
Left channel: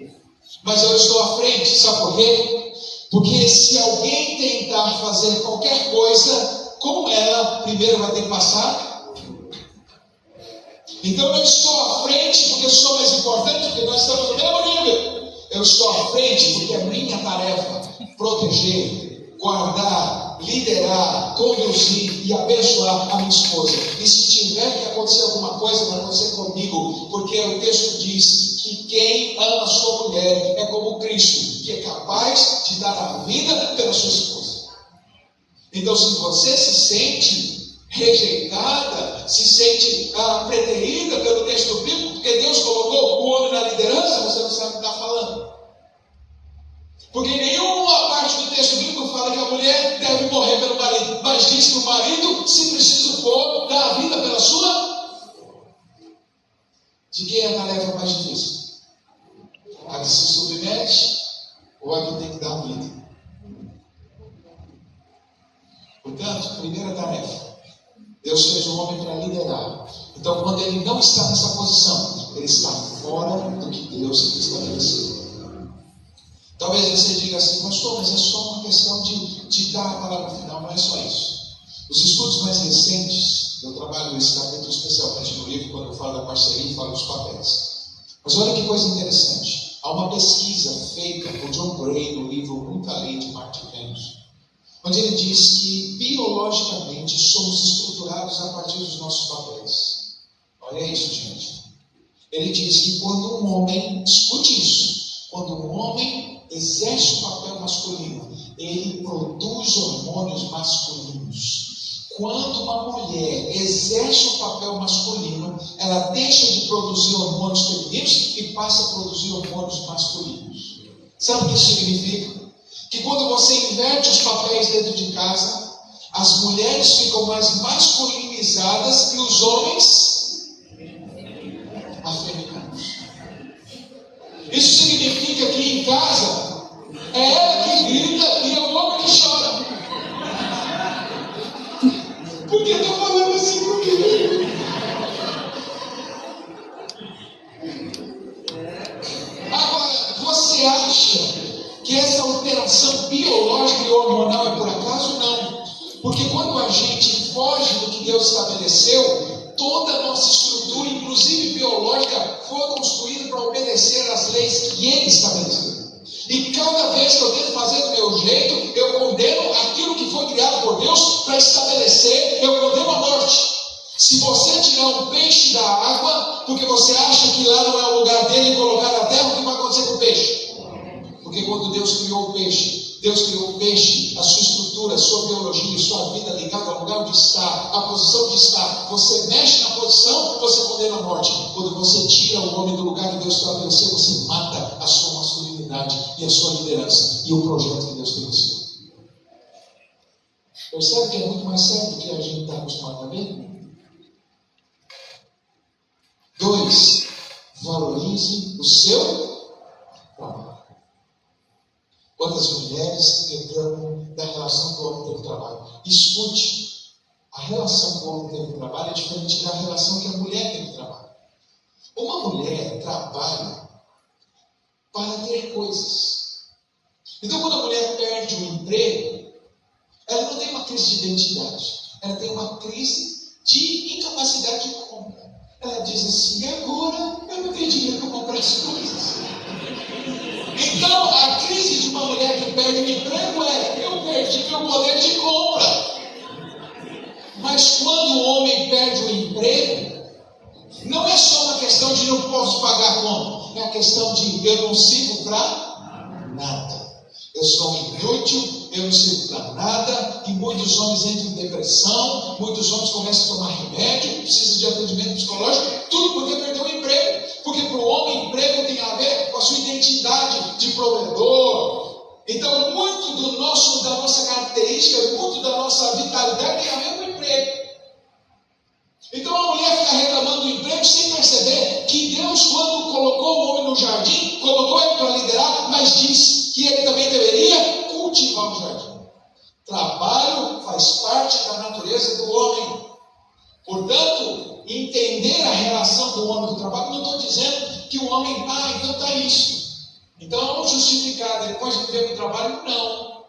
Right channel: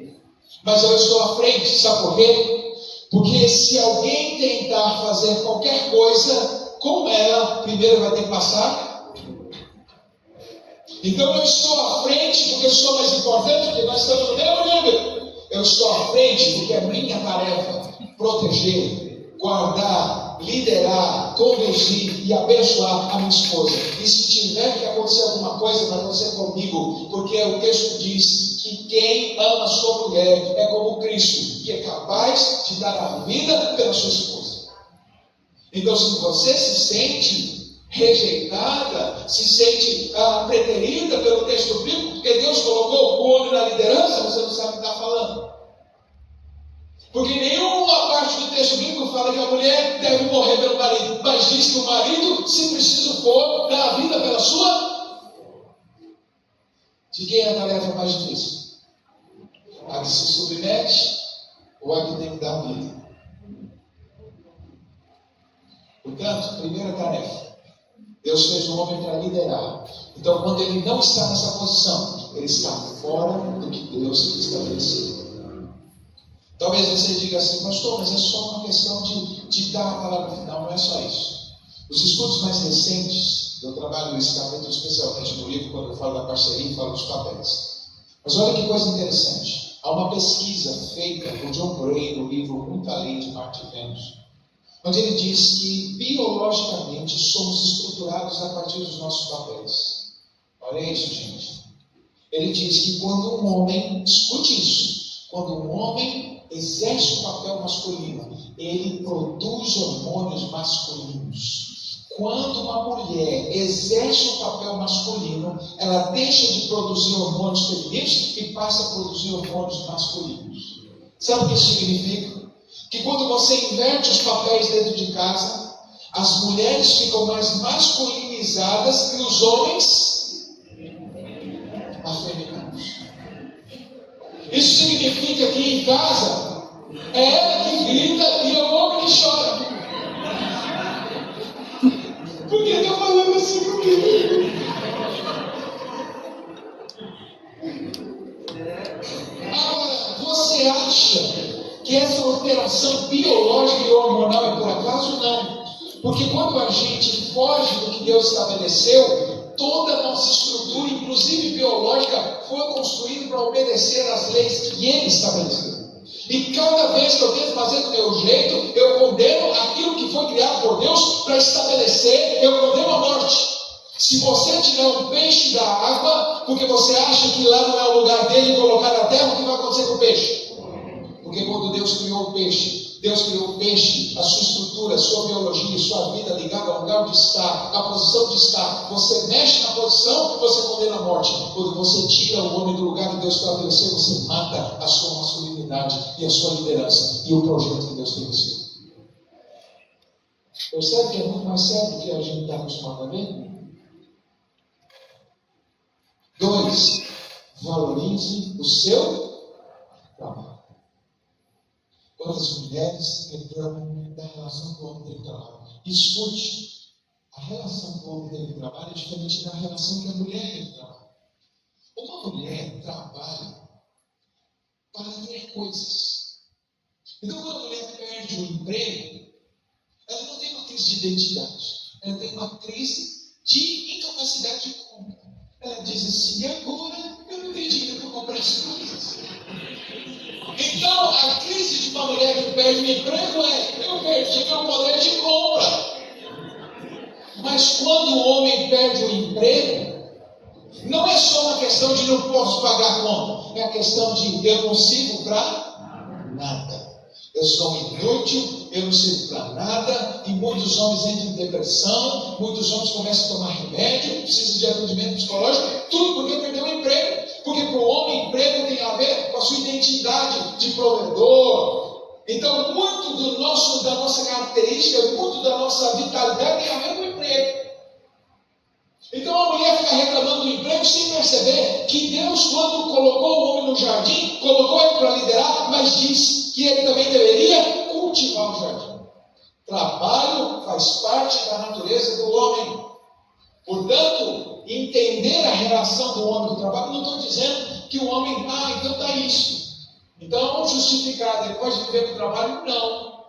Mas eu estou à frente, sabe por quê? Porque se alguém tentar fazer qualquer coisa com ela, primeiro vai ter que passar. Então eu estou à frente porque sou mais importante, porque nós estamos no mesmo nível. Eu estou à frente porque é minha tarefa proteger, guardar, liderar, conduzir e abençoar a minha esposa. E se tiver que acontecer alguma coisa, vai acontecer comigo, porque o texto diz que quem ama sua mulher é como Cristo, que é capaz de dar a vida pela sua esposa. Então, se você se sente rejeitada, se sente preterida pelo texto bíblico, porque Deus colocou o homem na liderança, você não sabe o que está falando. Porque nenhuma parte do texto bíblico fala que a mulher deve morrer pelo marido, mas diz que o marido, se preciso for, dá a vida pela sua. De quem é a tarefa mais difícil? A que se submete ou a que tem que dar a vida? Portanto, primeira tarefa, Deus fez o homem para liderar. Então, quando ele não está nessa posição, ele está fora do que Deus estabeleceu. Talvez você diga assim, pastor, mas é só uma questão de dar a palavra final, não é só isso. Os estudos mais recentes, eu trabalho esse capítulo especialmente no livro, quando eu falo da parceria e falo dos papéis. Mas olha que coisa interessante. Há uma pesquisa feita por John Gray no livro Muita Lei de Marte e Vênus, onde ele diz que biologicamente somos estruturados a partir dos nossos papéis. Olha isso, gente. Ele diz que quando um homem, escute isso, quando um homem exerce o papel masculino, ele produz hormônios masculinos. Quando uma mulher exerce o papel masculino, ela deixa de produzir hormônios femininos e passa a produzir hormônios masculinos. Sabe o que isso significa? Que quando você inverte os papéis dentro de casa, as mulheres ficam mais masculinizadas e os homens afeminados. Isso significa que em casa é ela que grita e é o homem que chora. Por que está falando assim comigo? Agora, você acha que essa alteração biológica e hormonal é por acaso? Não. Porque quando a gente foge do que Deus estabeleceu, toda a nossa estrutura, inclusive biológica, foi construída para obedecer às leis que Ele estabeleceu. E cada vez que eu tento fazer do meu jeito, eu condeno aquilo que foi criado por Deus para estabelecer, eu condeno a morte. Se você tirar um peixe da água, porque você acha que lá não é o lugar dele e colocar na terra, o que vai acontecer com o peixe? Porque quando Deus criou o peixe, Deus criou o peixe, a sua estrutura, a sua biologia, a sua vida ligada ao lugar onde está, a posição de estar. Você mexe na posição, você condena a morte. Quando você tira o homem do lugar que Deus estabeleceu, você mata a sua masculinidade e a sua liderança e o projeto que Deus tem no seu. Percebe que é muito mais sério do que a gente está acostumado a ver? 2. Valorize o seu trabalho. Quantas mulheres reclamam da relação que o homem tem com o trabalho? Escute, a relação que o homem tem com o trabalho é diferente da relação que a mulher tem com o trabalho. Uma mulher trabalha para ter coisas. Então, quando a mulher perde o emprego, ela não tem uma crise de identidade, ela tem uma crise de incapacidade de compra. Ela diz assim: agora eu não tenho dinheiro para comprar as coisas. Então, a crise de uma mulher que perde o emprego é: eu perdi meu poder de compra. Mas quando o homem perde o emprego, não é só uma questão de não posso pagar a conta, é a questão de eu não sirvo para nada. Eu sou inútil, eu não sirvo para nada, e muitos homens entram em depressão, muitos homens começam a tomar remédio, precisam de atendimento psicológico, tudo porque perdeu o emprego. Porque para o homem, emprego tem a ver com a sua identidade de provedor. Então, muito da nossa característica, muito da nossa vitalidade tem a ver com o emprego. Então a mulher fica reclamando do emprego sem perceber que Deus, quando colocou o homem no jardim, colocou ele para liderar, mas diz que ele também deveria cultivar o jardim. Trabalho faz parte da natureza do homem. Portanto, entender a relação do homem com o trabalho, não estou dizendo que o homem, então está isso. Então vamos justificar, depois de viver com o trabalho, não.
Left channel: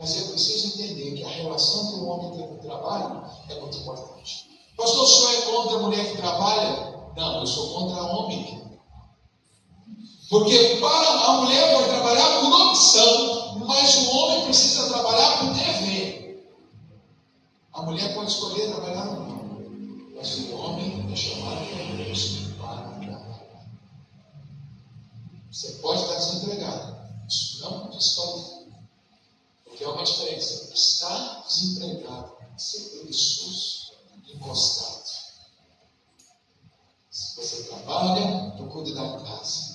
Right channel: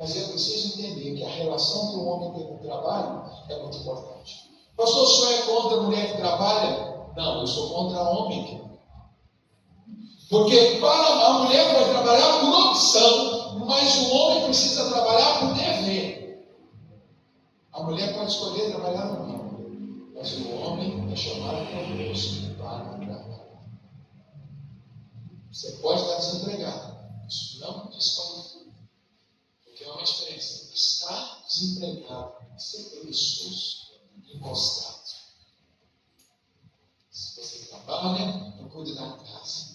Mas eu preciso entender que a relação que o homem tem com o trabalho é muito importante. Pastor, o senhor é contra a mulher que trabalha? Não, eu sou contra a homem. Porque para a mulher vai trabalhar por opção, mas o homem precisa trabalhar por dever. A mulher pode escolher trabalhar ou não, mas o homem é chamado por Deus para trabalhar. Você pode estar desempregado, isso não desqualifica. Porque há uma diferença: estar desempregado e ser preguiçoso, encostado. Se você trabalha, então cuide da casa.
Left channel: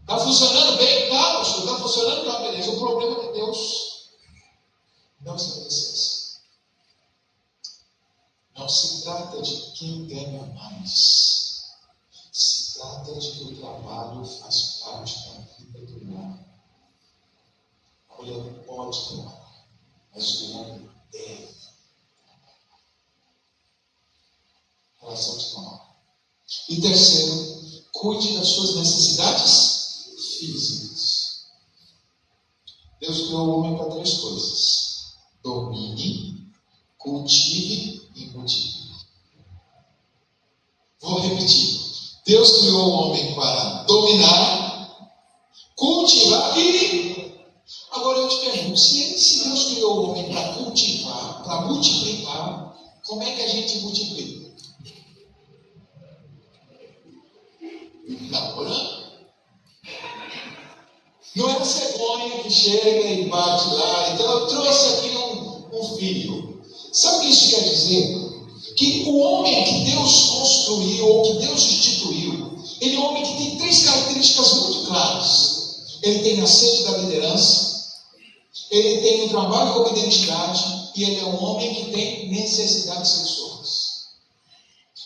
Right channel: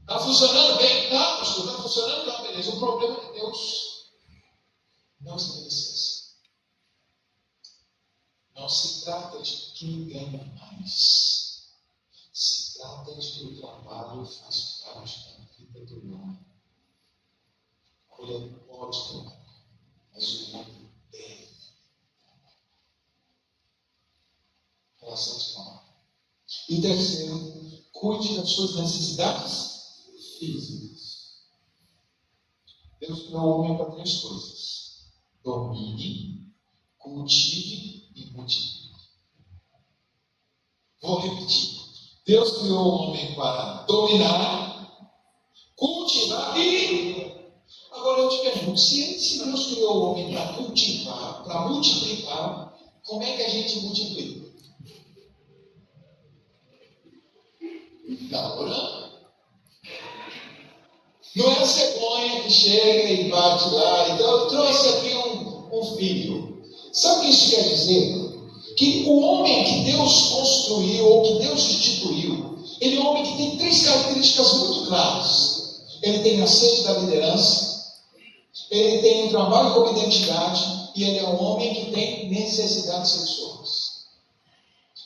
Está funcionando bem? Tá, pastor, está funcionando, tá, beleza. O problema é que Deus não estabeleceu isso. Não se trata de quem ganha mais. Se trata de que o trabalho faz parte da vida do homem. A mulher não pode trabalhar, mas o homem deve. Relação de trabalho. E terceiro, cuide das suas necessidades físicas. Deus criou o homem para 3 coisas: domine, cultive e multiplique. Vou repetir. Deus criou o homem para dominar, cultivar e... Agora eu te pergunto, se Deus criou o homem para cultivar, para multiplicar, como é que a gente multiplica? Está orando. Não é a cegonha que chega e bate lá. Então eu trouxe aqui um filho. Sabe o que isso quer dizer? Que o homem que Deus construiu, ou que Deus instituiu, ele é um homem que tem 3 características muito claras. Ele tem a sede da liderança, ele tem o trabalho como identidade, e ele é um homem que tem necessidades sexuais.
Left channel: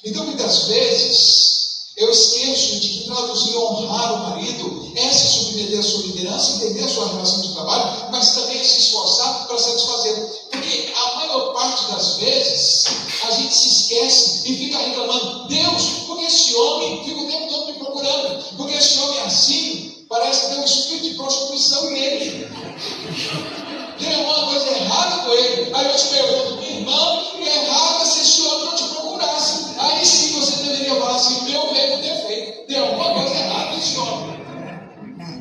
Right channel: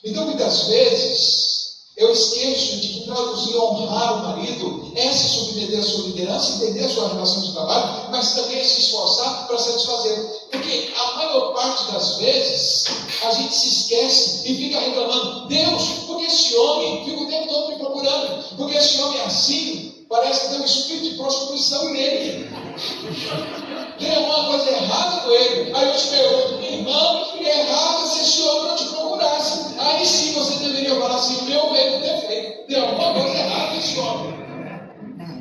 Então, muitas vezes, eu esqueço de que traduzir honrar o marido é se submeter à sua liderança, entender a sua relação de trabalho, mas também é se esforçar para satisfazer. Porque a maior parte das vezes a gente se esquece e fica reclamando: Deus, por que esse homem fica o tempo todo me procurando? Porque esse homem é assim, parece que tem um espírito de prostituição nele. Tem alguma coisa errada com ele. Aí eu te pergunto: irmão, é errado se esse homem não te procurasse. Aí sim você deveria falar assim: meu veio com defeito. Tem alguma coisa errada com esse homem.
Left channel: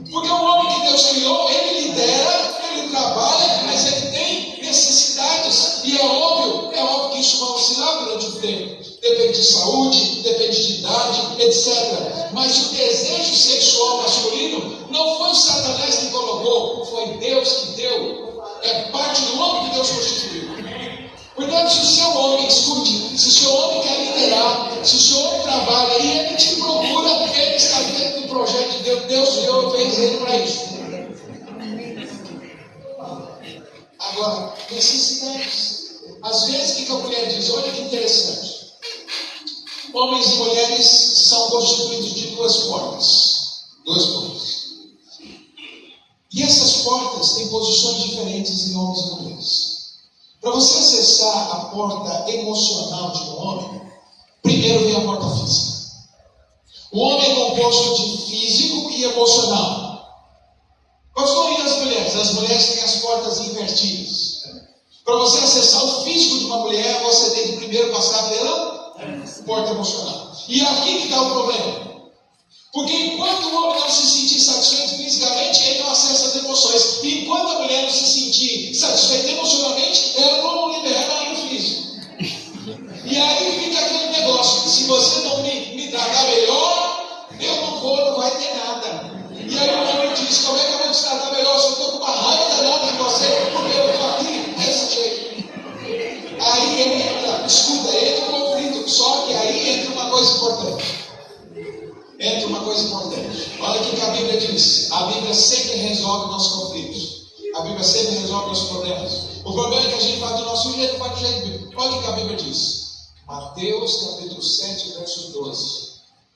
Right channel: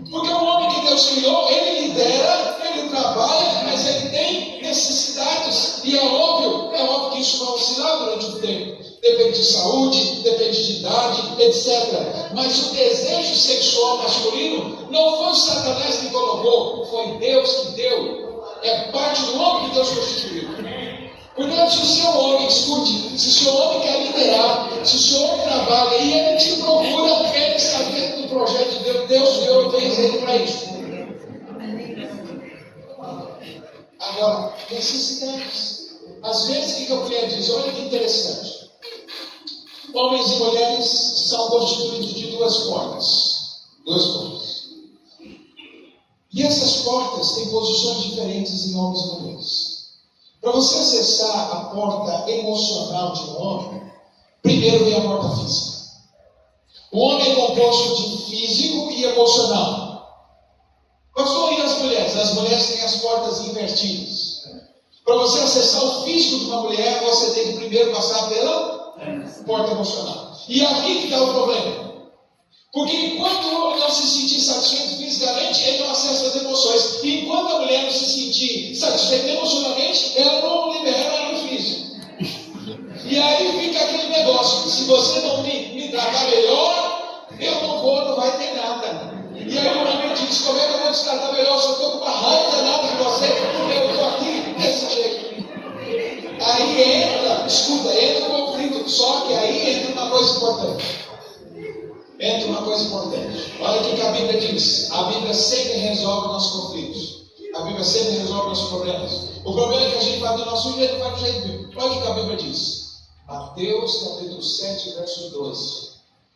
Porque o homem que Deus criou, ele lidera, ele trabalha, mas ele tem necessidades. E é óbvio que isso vai oscilar durante o tempo. depende de saúde, depende de idade, etc. Mas o desejo sexual masculino não foi o Satanás que colocou, foi Deus que deu. É parte do homem que Deus constituiu. Portanto, se o seu homem, escute, se o seu homem quer liderar, se o seu homem trabalha e ele te procura, ele está dentro do projeto de Deus. Deus deu o ele para isso. Agora, necessidades. Às vezes, o que a mulher diz? Olha que interessante. Homens e mulheres são constituídos de duas portas. Duas portas. E essas portas têm posições diferentes em homens e mulheres. Para você acessar a porta emocional de um homem, primeiro vem a porta física. O homem é composto de físico e emocional. Pastor, e as mulheres? As mulheres têm as portas invertidas. Para você acessar o físico de uma mulher, você tem que primeiro passar pela porta emocional. E aqui que está o problema. Porque enquanto o homem não se sentir satisfeito fisicamente, ele não acessa as emoções. E enquanto a mulher não se sentir satisfeita emocionalmente, ela não libera o físico. E aí fica aquele negócio: se você não me tratar melhor, eu não vai ter nada. E aí o homem diz: como é que eu vou te tratar melhor se eu estou com uma raiva danada de você, porque eu estou aqui desse jeito? Aí entra o conflito. Só que aí entra uma coisa importante. Olha o que a Bíblia diz. A Bíblia sempre resolve nossos conflitos. A Bíblia sempre resolve nossos problemas. O problema é que a gente faz do nosso jeito, faz do jeito bíblico. Olha o que a Bíblia diz. Mateus capítulo 7, verso 12.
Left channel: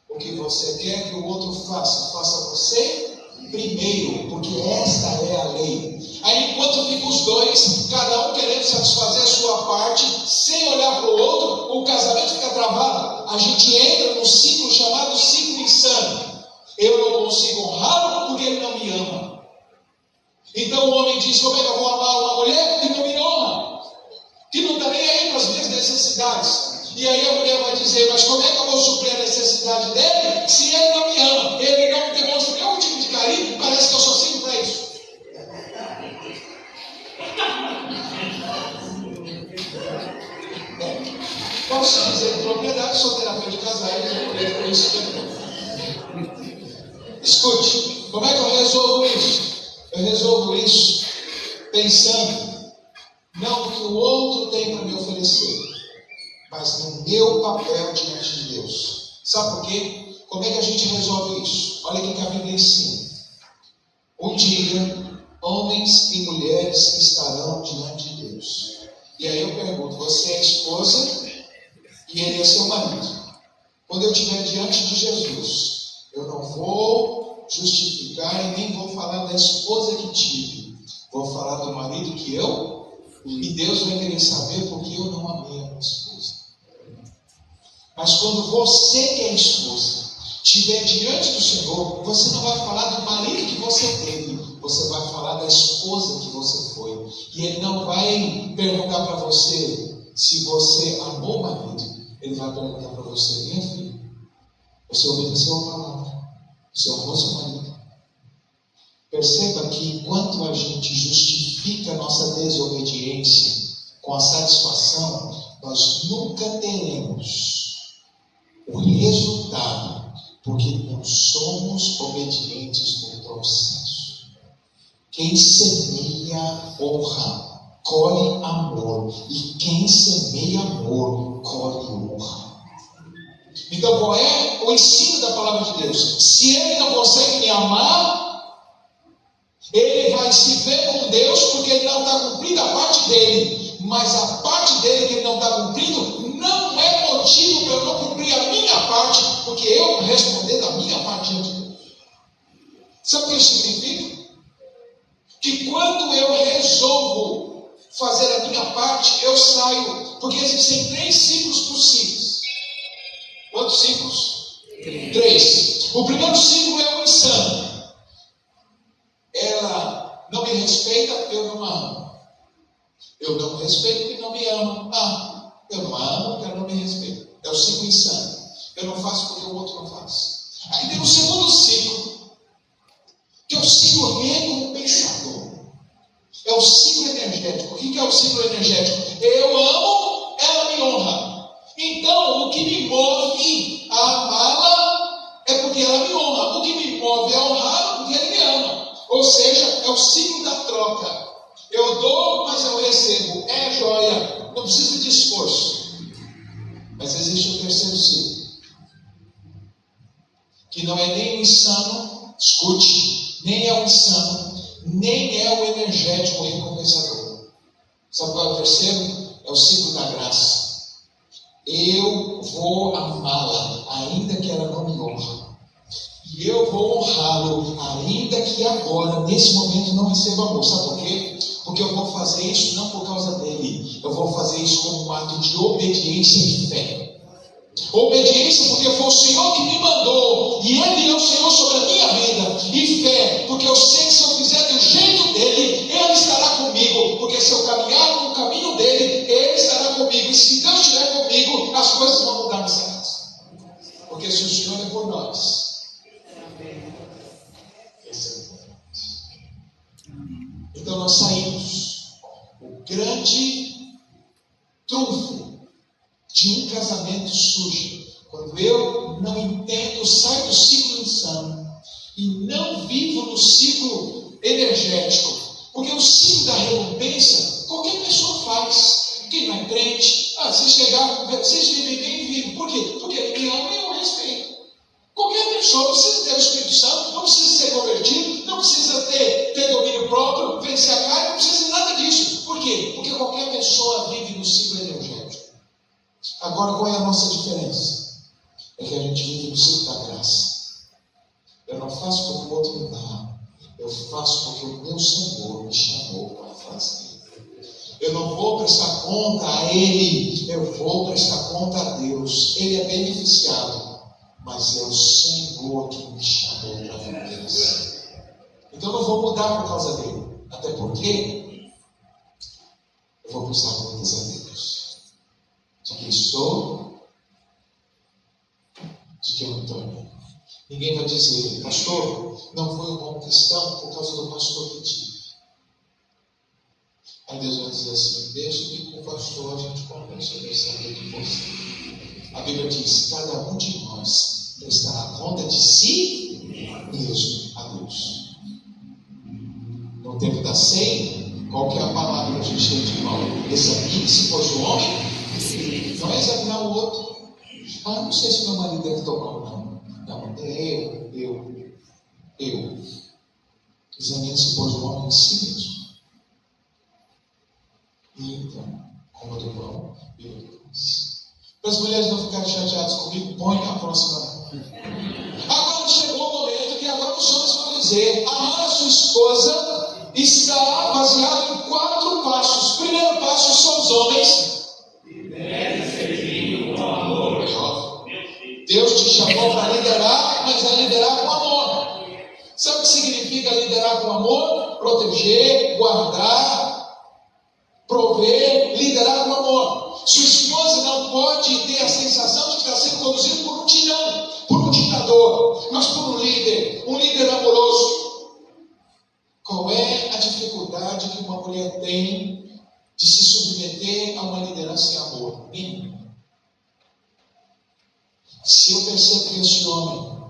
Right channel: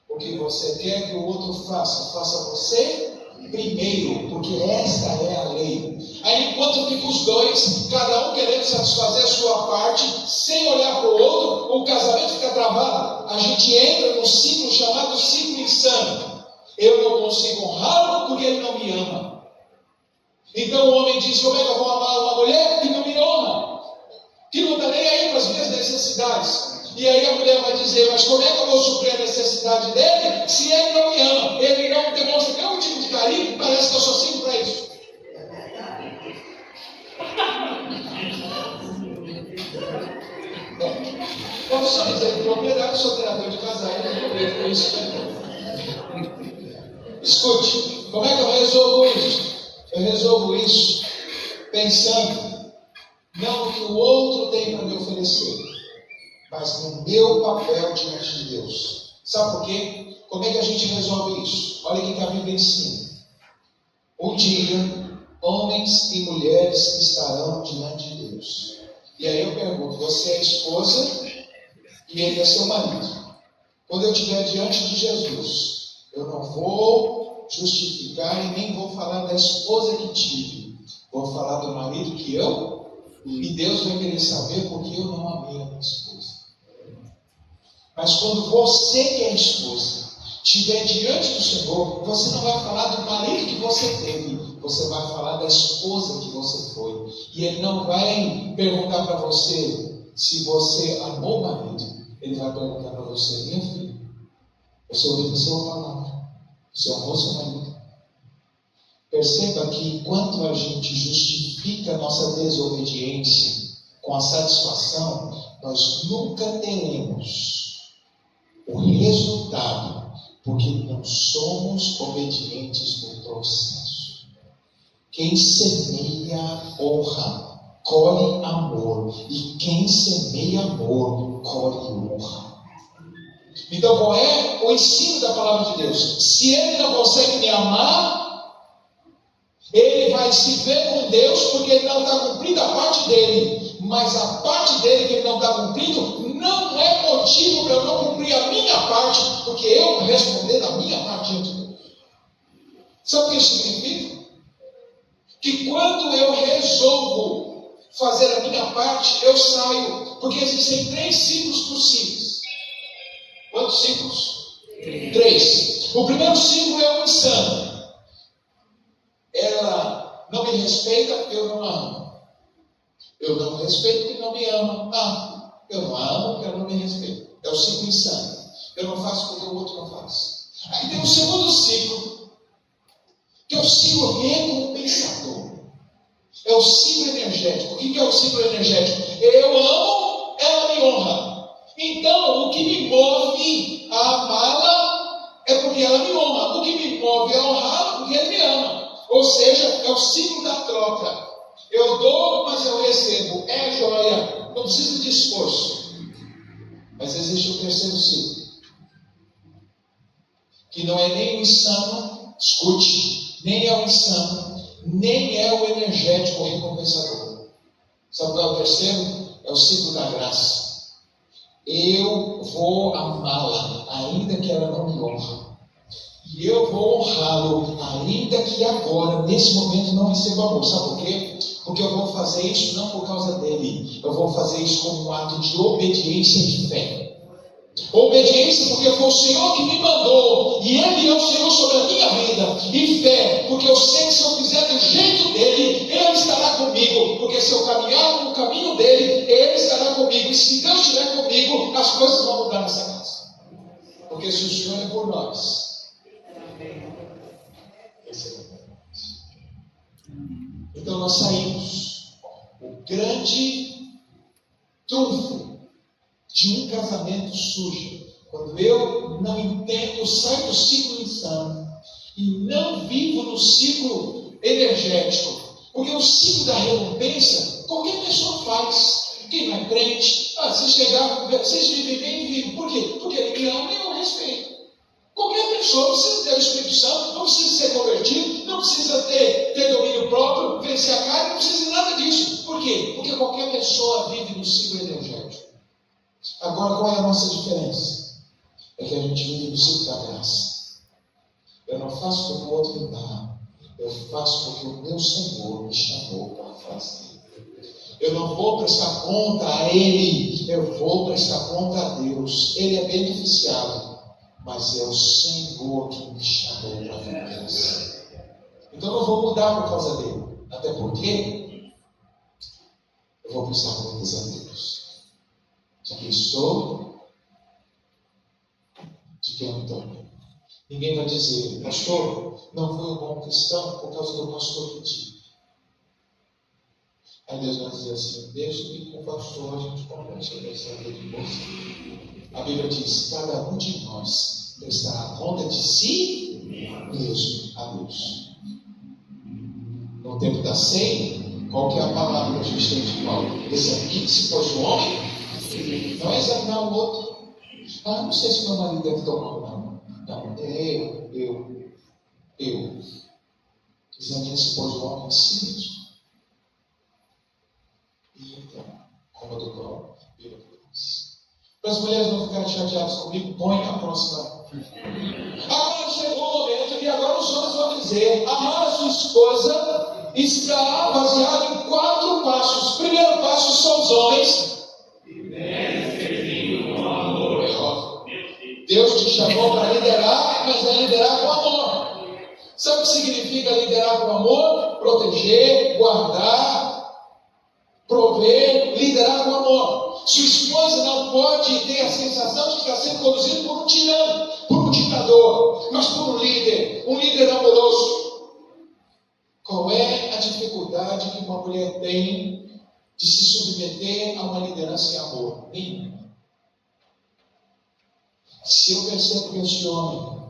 O que você quer que o outro faça, faça você primeiro, porque esta é a lei. Aí enquanto ficam os dois, cada um querendo satisfazer a sua parte, sem olhar para o outro, o casamento fica travado. A gente entra num ciclo chamado ciclo insano. Eu não consigo honrá-lo porque ele não me ama. Então o homem diz: como é que eu vou amar uma mulher que não me honra? Que não está nem aí para as minhas necessidades. E aí a mulher vai dizer: mas como é que eu vou suprir a necessidade dele se ele não me ama? Ele não me demonstra nenhum tipo de carinho, parece que eu só sirvo para isso. Posso dizer, propriedade, sou terapeuta de casais, eu com isso também. Escute, como é que eu resolvo isso? Eu resolvo isso pensando não no que o outro tem para me oferecer, mas no meu papel diante de Deus. Sabe por quê? Como é que a gente resolve isso? Olha o que a Bíblia ensina. Um dia, homens e mulheres estarão diante de Deus. E aí eu pergunto: você é esposa e ele é seu marido. Quando eu estiver diante de Jesus, eu não vou justificar e nem vou falar da esposa que tive. Vou falar do marido que eu. E Deus vai querer saber porque eu não amei a minha esposa. Mas quando você que é esposa estiver diante do Senhor, você não vai falar do marido que você teve, você vai falar da esposa que você foi. E Ele não vai perguntar para você se você amou o marido. Ele vai perguntar para você: minha filha, você obedeceu a palavra, você amou seu marido? Perceba que enquanto a gente justifica a nossa desobediência com a satisfação, nós nunca teremos o resultado, porque não somos obedientes no processo. Quem semeia honra, colhe amor, e quem semeia amor, colhe honra. Então qual é o ensino da palavra de Deus? Se ele não consegue me amar, ele vai se ver com Deus porque ele não está cumprindo a parte dele. Mas a parte dele que ele não está cumprindo não é motivo para eu não cumprir a minha parte, porque eu vou responder da minha parte diante de Deus. Sabe o que isso significa? Que quando eu resolvo fazer a minha parte, eu saio. Porque existem 3 ciclos possíveis. Quantos ciclos? 3. O primeiro ciclo é o insano. Ela não me respeita, eu não a amo. Eu não respeito porque não me ama. Eu não a amo porque ela não me respeita. É o ciclo insano. Eu não faço porque o outro não faz. Aí tem o segundo ciclo, que é o ciclo recompensador. É o ciclo energético. O que é o ciclo energético? Eu amo, ela me honra. Então, o que move a honrá-lo porque Ele me ama. Ou seja, é o ciclo da troca. Eu dou, mas eu recebo. É joia. Não precisa de esforço. Mas existe o terceiro ciclo, que não é nem o insano, escute, nem é o insano, nem é o energético recompensador. Sabe qual é o terceiro? É o ciclo da graça. Eu vou amá-la, ainda que ela não me honre. E eu vou honrá-lo, ainda que agora, nesse momento, não receba amor. Sabe por quê? Porque eu vou fazer isso não por causa dele. Eu vou fazer isso como um ato de obediência e fé. Obediência porque foi o Senhor que me mandou. E Ele é o Senhor sobre a minha vida. E fé, porque eu sei que se eu fizer do jeito dele, Ele estará comigo. Porque se eu caminhar no caminho dele, Ele estará comigo. E se Deus estiver comigo, as coisas vão mudar nessa casa. Porque se o Senhor é por nós, então nós saímos. O grande trunfo de um casamento sujo, quando eu não entendo, saio do ciclo insano e não vivo no ciclo energético, porque o ciclo da recompensa qualquer pessoa faz. Quem não é crente, se chegar, vocês vivem bem, vivem. Por quê? Porque ele me ama e eu respeito. Qualquer pessoa precisa ter o Espírito Santo, não precisa ser convertido, não precisa ter domínio próprio, vencer a carne, não precisa de nada disso. Por quê? Porque qualquer pessoa vive no ciclo energético. Agora, qual é a nossa diferença? É que a gente vive no ciclo da graça. Eu não faço porque o outro me dá, eu faço porque o meu Senhor me chamou para fazer. Eu não vou prestar conta a Ele, eu vou prestar conta a Deus. Ele é beneficiado, mas é o Senhor que me chamou para viver assim. Então eu não vou mudar por causa dele. Até porque eu vou prestar contas a Deus. De quem sou, de quem eu me tornei. Ninguém vai dizer, pastor, não foi um bom cristão por causa do pastor que tive. Aí Deus vai dizer assim, deixa que com o pastor a gente conversa de você. A Bíblia diz, cada um de nós prestará conta de si mesmo a Deus. No tempo da ceia, qual que é a palavra que a gente tem de Paulo? Examine-se, pois o homem não é examinar o outro. Não sei se meu marido deve tomar ou não. Não, é eu. Examine-se, pois o homem em si mesmo. E então, coma do pão, beba do cálice. Para as mulheres não ficarem chateadas comigo, põe a próxima. Agora chegou o momento que agora os homens vão dizer: amar a sua esposa está baseado em 4 passos. Primeiro passo são os homens. Deus te chamou para liderar, mas é liderar com amor. Sabe o que significa liderar com amor? Proteger, guardar, prover, liderar com amor. Sua esposa não pode ter a sensação de que está sendo conduzido por um tirano, por um ditador, mas por um líder amoroso. Qual é a dificuldade que uma mulher tem de se submeter a uma liderança em amor? Nenhuma. Se eu percebo que esse homem,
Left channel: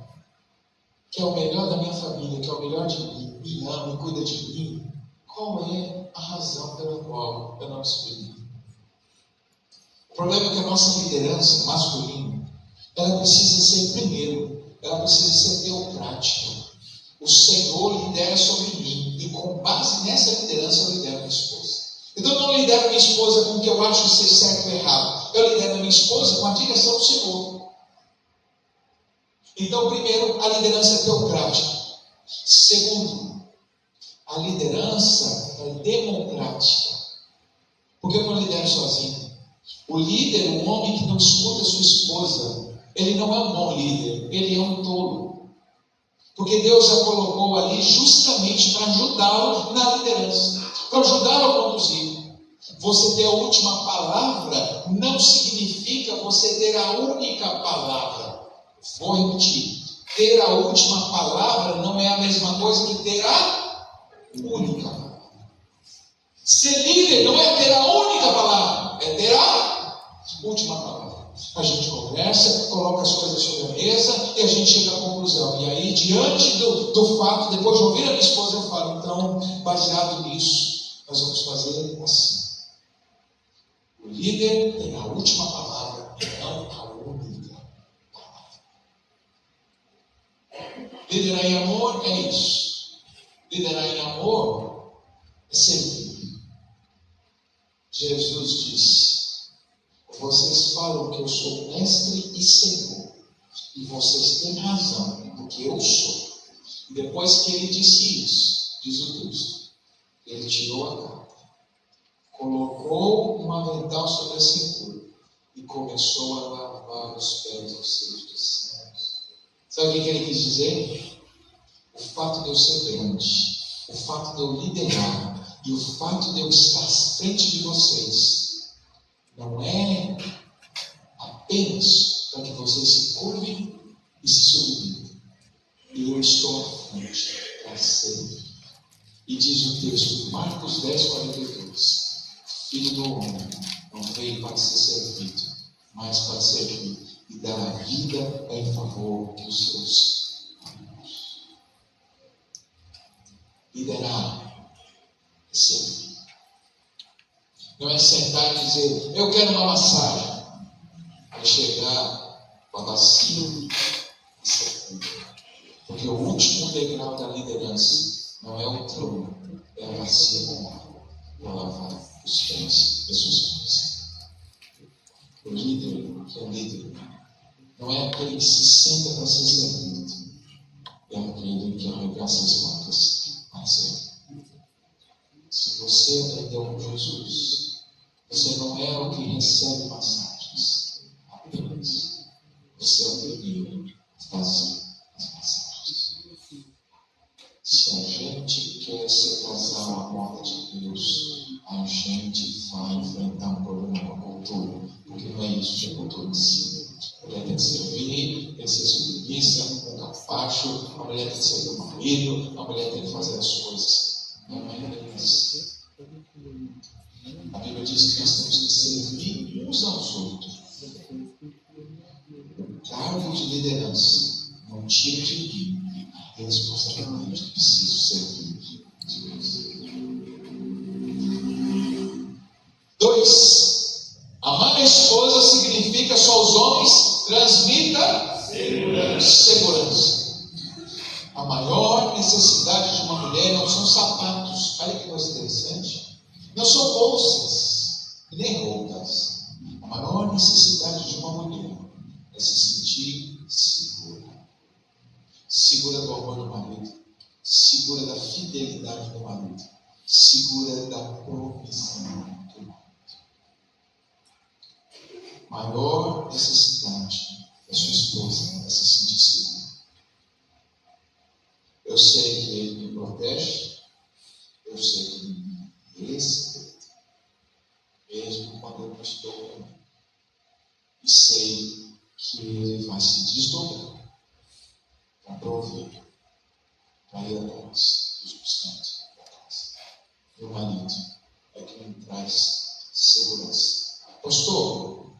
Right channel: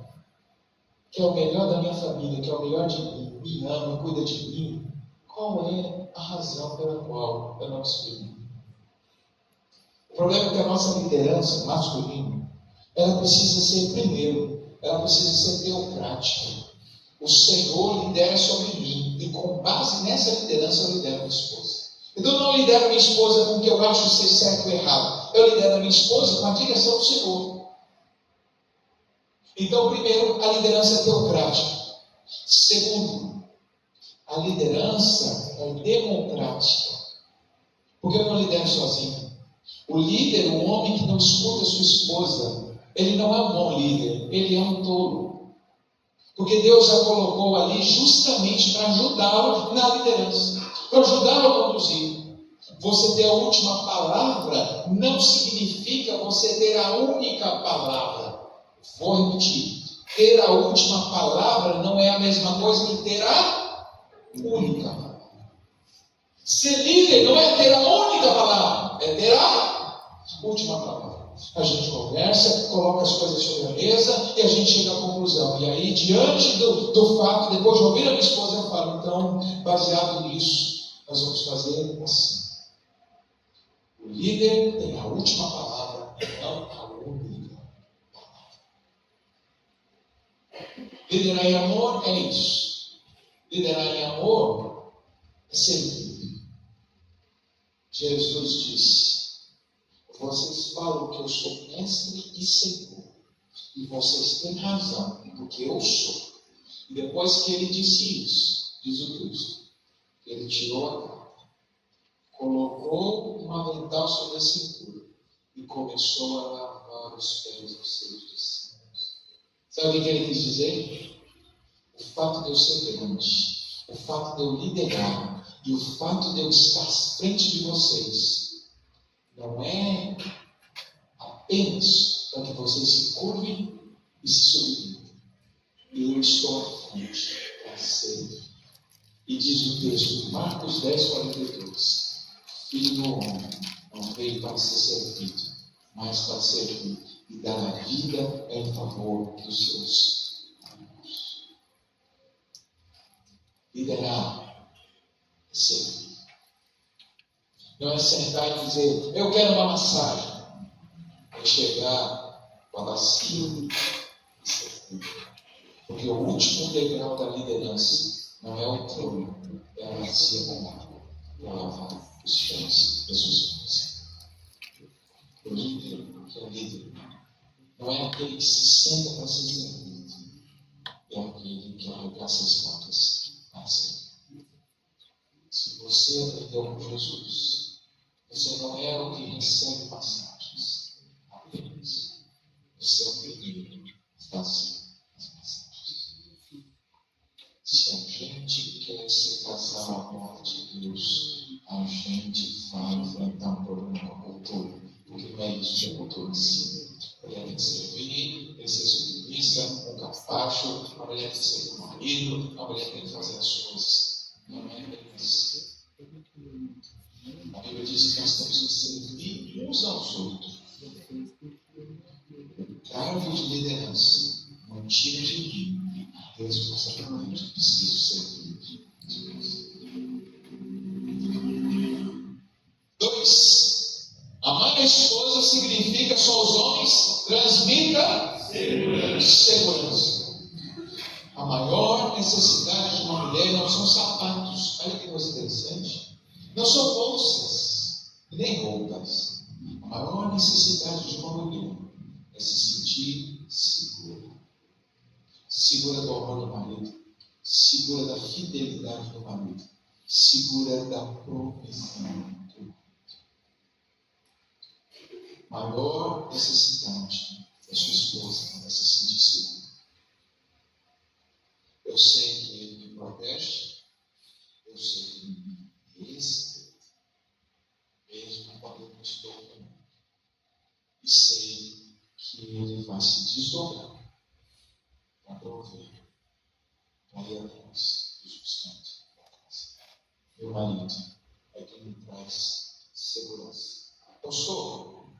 que é o melhor da minha família, que é o melhor de mim, me ama, cuida de mim, qual é a razão pela qual eu não me submeto? O problema é que a nossa liderança masculina, ela precisa ser, primeiro, ela precisa ser teocrática. O Senhor lidera sobre mim, e com base nessa liderança eu lidero minha esposa. Então eu não lidero minha esposa com o que eu acho ser certo ou errado. Eu lidero minha esposa com a direção do Senhor. Então, primeiro, a liderança é teocrática. Segundo, a liderança é democrática. Porque eu não lidero sozinho. O líder, o homem que não escuta sua esposa, ele não é um bom líder, ele é um tolo. Porque Deus a colocou ali justamente para ajudá-lo na liderança, para ajudá-lo a conduzir. Você ter a última palavra não significa você ter a única palavra. Vou repetir. Ter a última palavra não é a mesma coisa que ter a única palavra. Ser líder não é ter a única palavra, é ter a... Última palavra. A gente conversa, coloca as coisas sobre a mesa e a gente chega à conclusão. E aí, diante do fato, depois de ouvir a minha esposa, eu falo, então, baseado nisso, nós vamos fazer assim. O líder tem a última palavra, não a única palavra. Liderar em amor é isso. Liderar em amor é servir. Jesus disse: vocês falam que eu sou mestre e senhor, e vocês têm razão, porque eu sou. E depois que ele disse isso, diz o texto, ele tirou a capa, colocou um avental sobre a cintura e começou a lavar os pés dos seus discípulos. Sabe o que ele quis dizer? O fato de eu ser grande, o fato de eu liderar e o fato de eu estar à frente de vocês não é apenas para que vocês se curvem e se submetam. Eu estou à frente para servir. E diz o texto, Marcos 10, 42, Filho do homem não veio para ser servido, mas para servir e dar a vida em favor dos seus amigos. Liderar é servir. Não é sentar e dizer, eu quero uma massagem. É chegar com a bacia e servir. Porque o último degrau da liderança não é o trono, é a bacia com água para lavar os pés das pessoas. O líder, que é líder, não é aquele que se senta para ser servido, é aquele que arregaça as mangas para servir. Se você aprendeu com Jesus, você não é o que recebe passagens apenas. Você é o primeiro a fazer as passagens. Se a gente quer ser casal à moda de Deus, a gente vai enfrentar um problema com a cultura, porque não é isso que a cultura ensina. A mulher tem que servir, tem que ser submissa, um capacho, a mulher tem que servir o marido, a mulher tem que fazer as coisas. Não é isso. A Bíblia diz que nós temos que servir uns aos outros. O cargo de liderança não tira de mim a responsabilidade de preciso servir Deus. 2. Amar a esposa significa só os homens transmita segurança. A maior necessidade de uma mulher não são sapatos. Olha que coisa interessante. Não são bolsas, nem roupas. A maior necessidade de uma mulher é se sentir segura. Segura do amor do marido, segura da fidelidade do marido, segura da provisão do marido. Maior necessidade da sua esposa é se sentir segura. Eu sei que ele me protege, eu sei que ele me respeita, mesmo quando eu não estou bem. E sei que ele vai se desdobrar para prover, para ir atrás dos buscantes da casa. Meu marido é que me traz segurança. Pastor,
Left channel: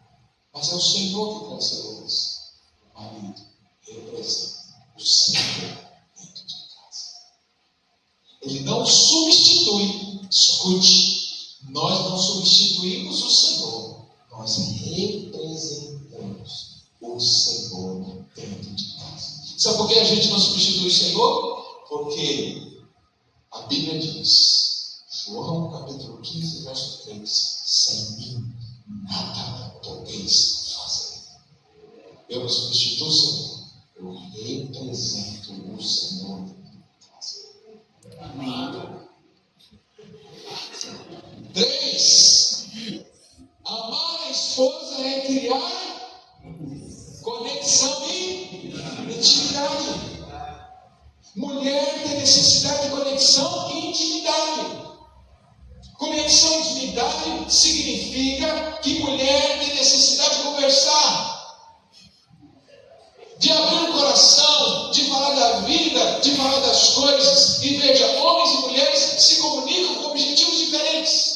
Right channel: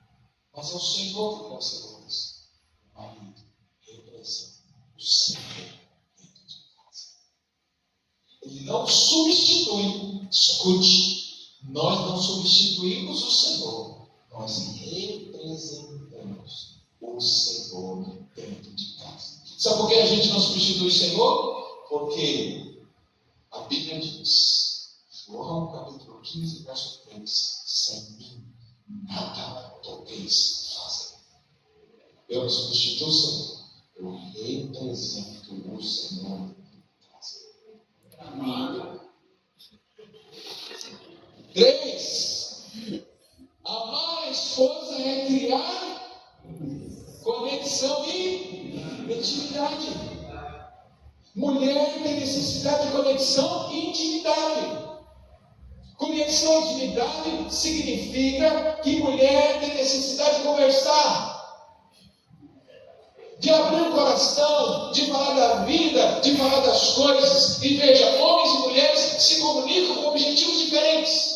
mas é o Senhor que traz segurança. O marido representa o Senhor dentro de casa. Ele não substitui, escute, nós não substituímos o Senhor, nós representamos o Senhor dentro de casa. Sabe por que a gente não substitui o Senhor? Porque a Bíblia diz, João capítulo 15, verso 3, sem mim nada podeis fazer. Eu não substituo o Senhor, eu represento o Senhor dentro de casa. Amém. 3. Amar a esposa é criar conexão e intimidade. Mulher tem necessidade de conexão e intimidade. Conexão e intimidade significa que mulher tem necessidade de conversar, de abrir o coração, de falar da vida, de falar das coisas. E veja, homens e mulheres se comunicam com objetivos diferentes.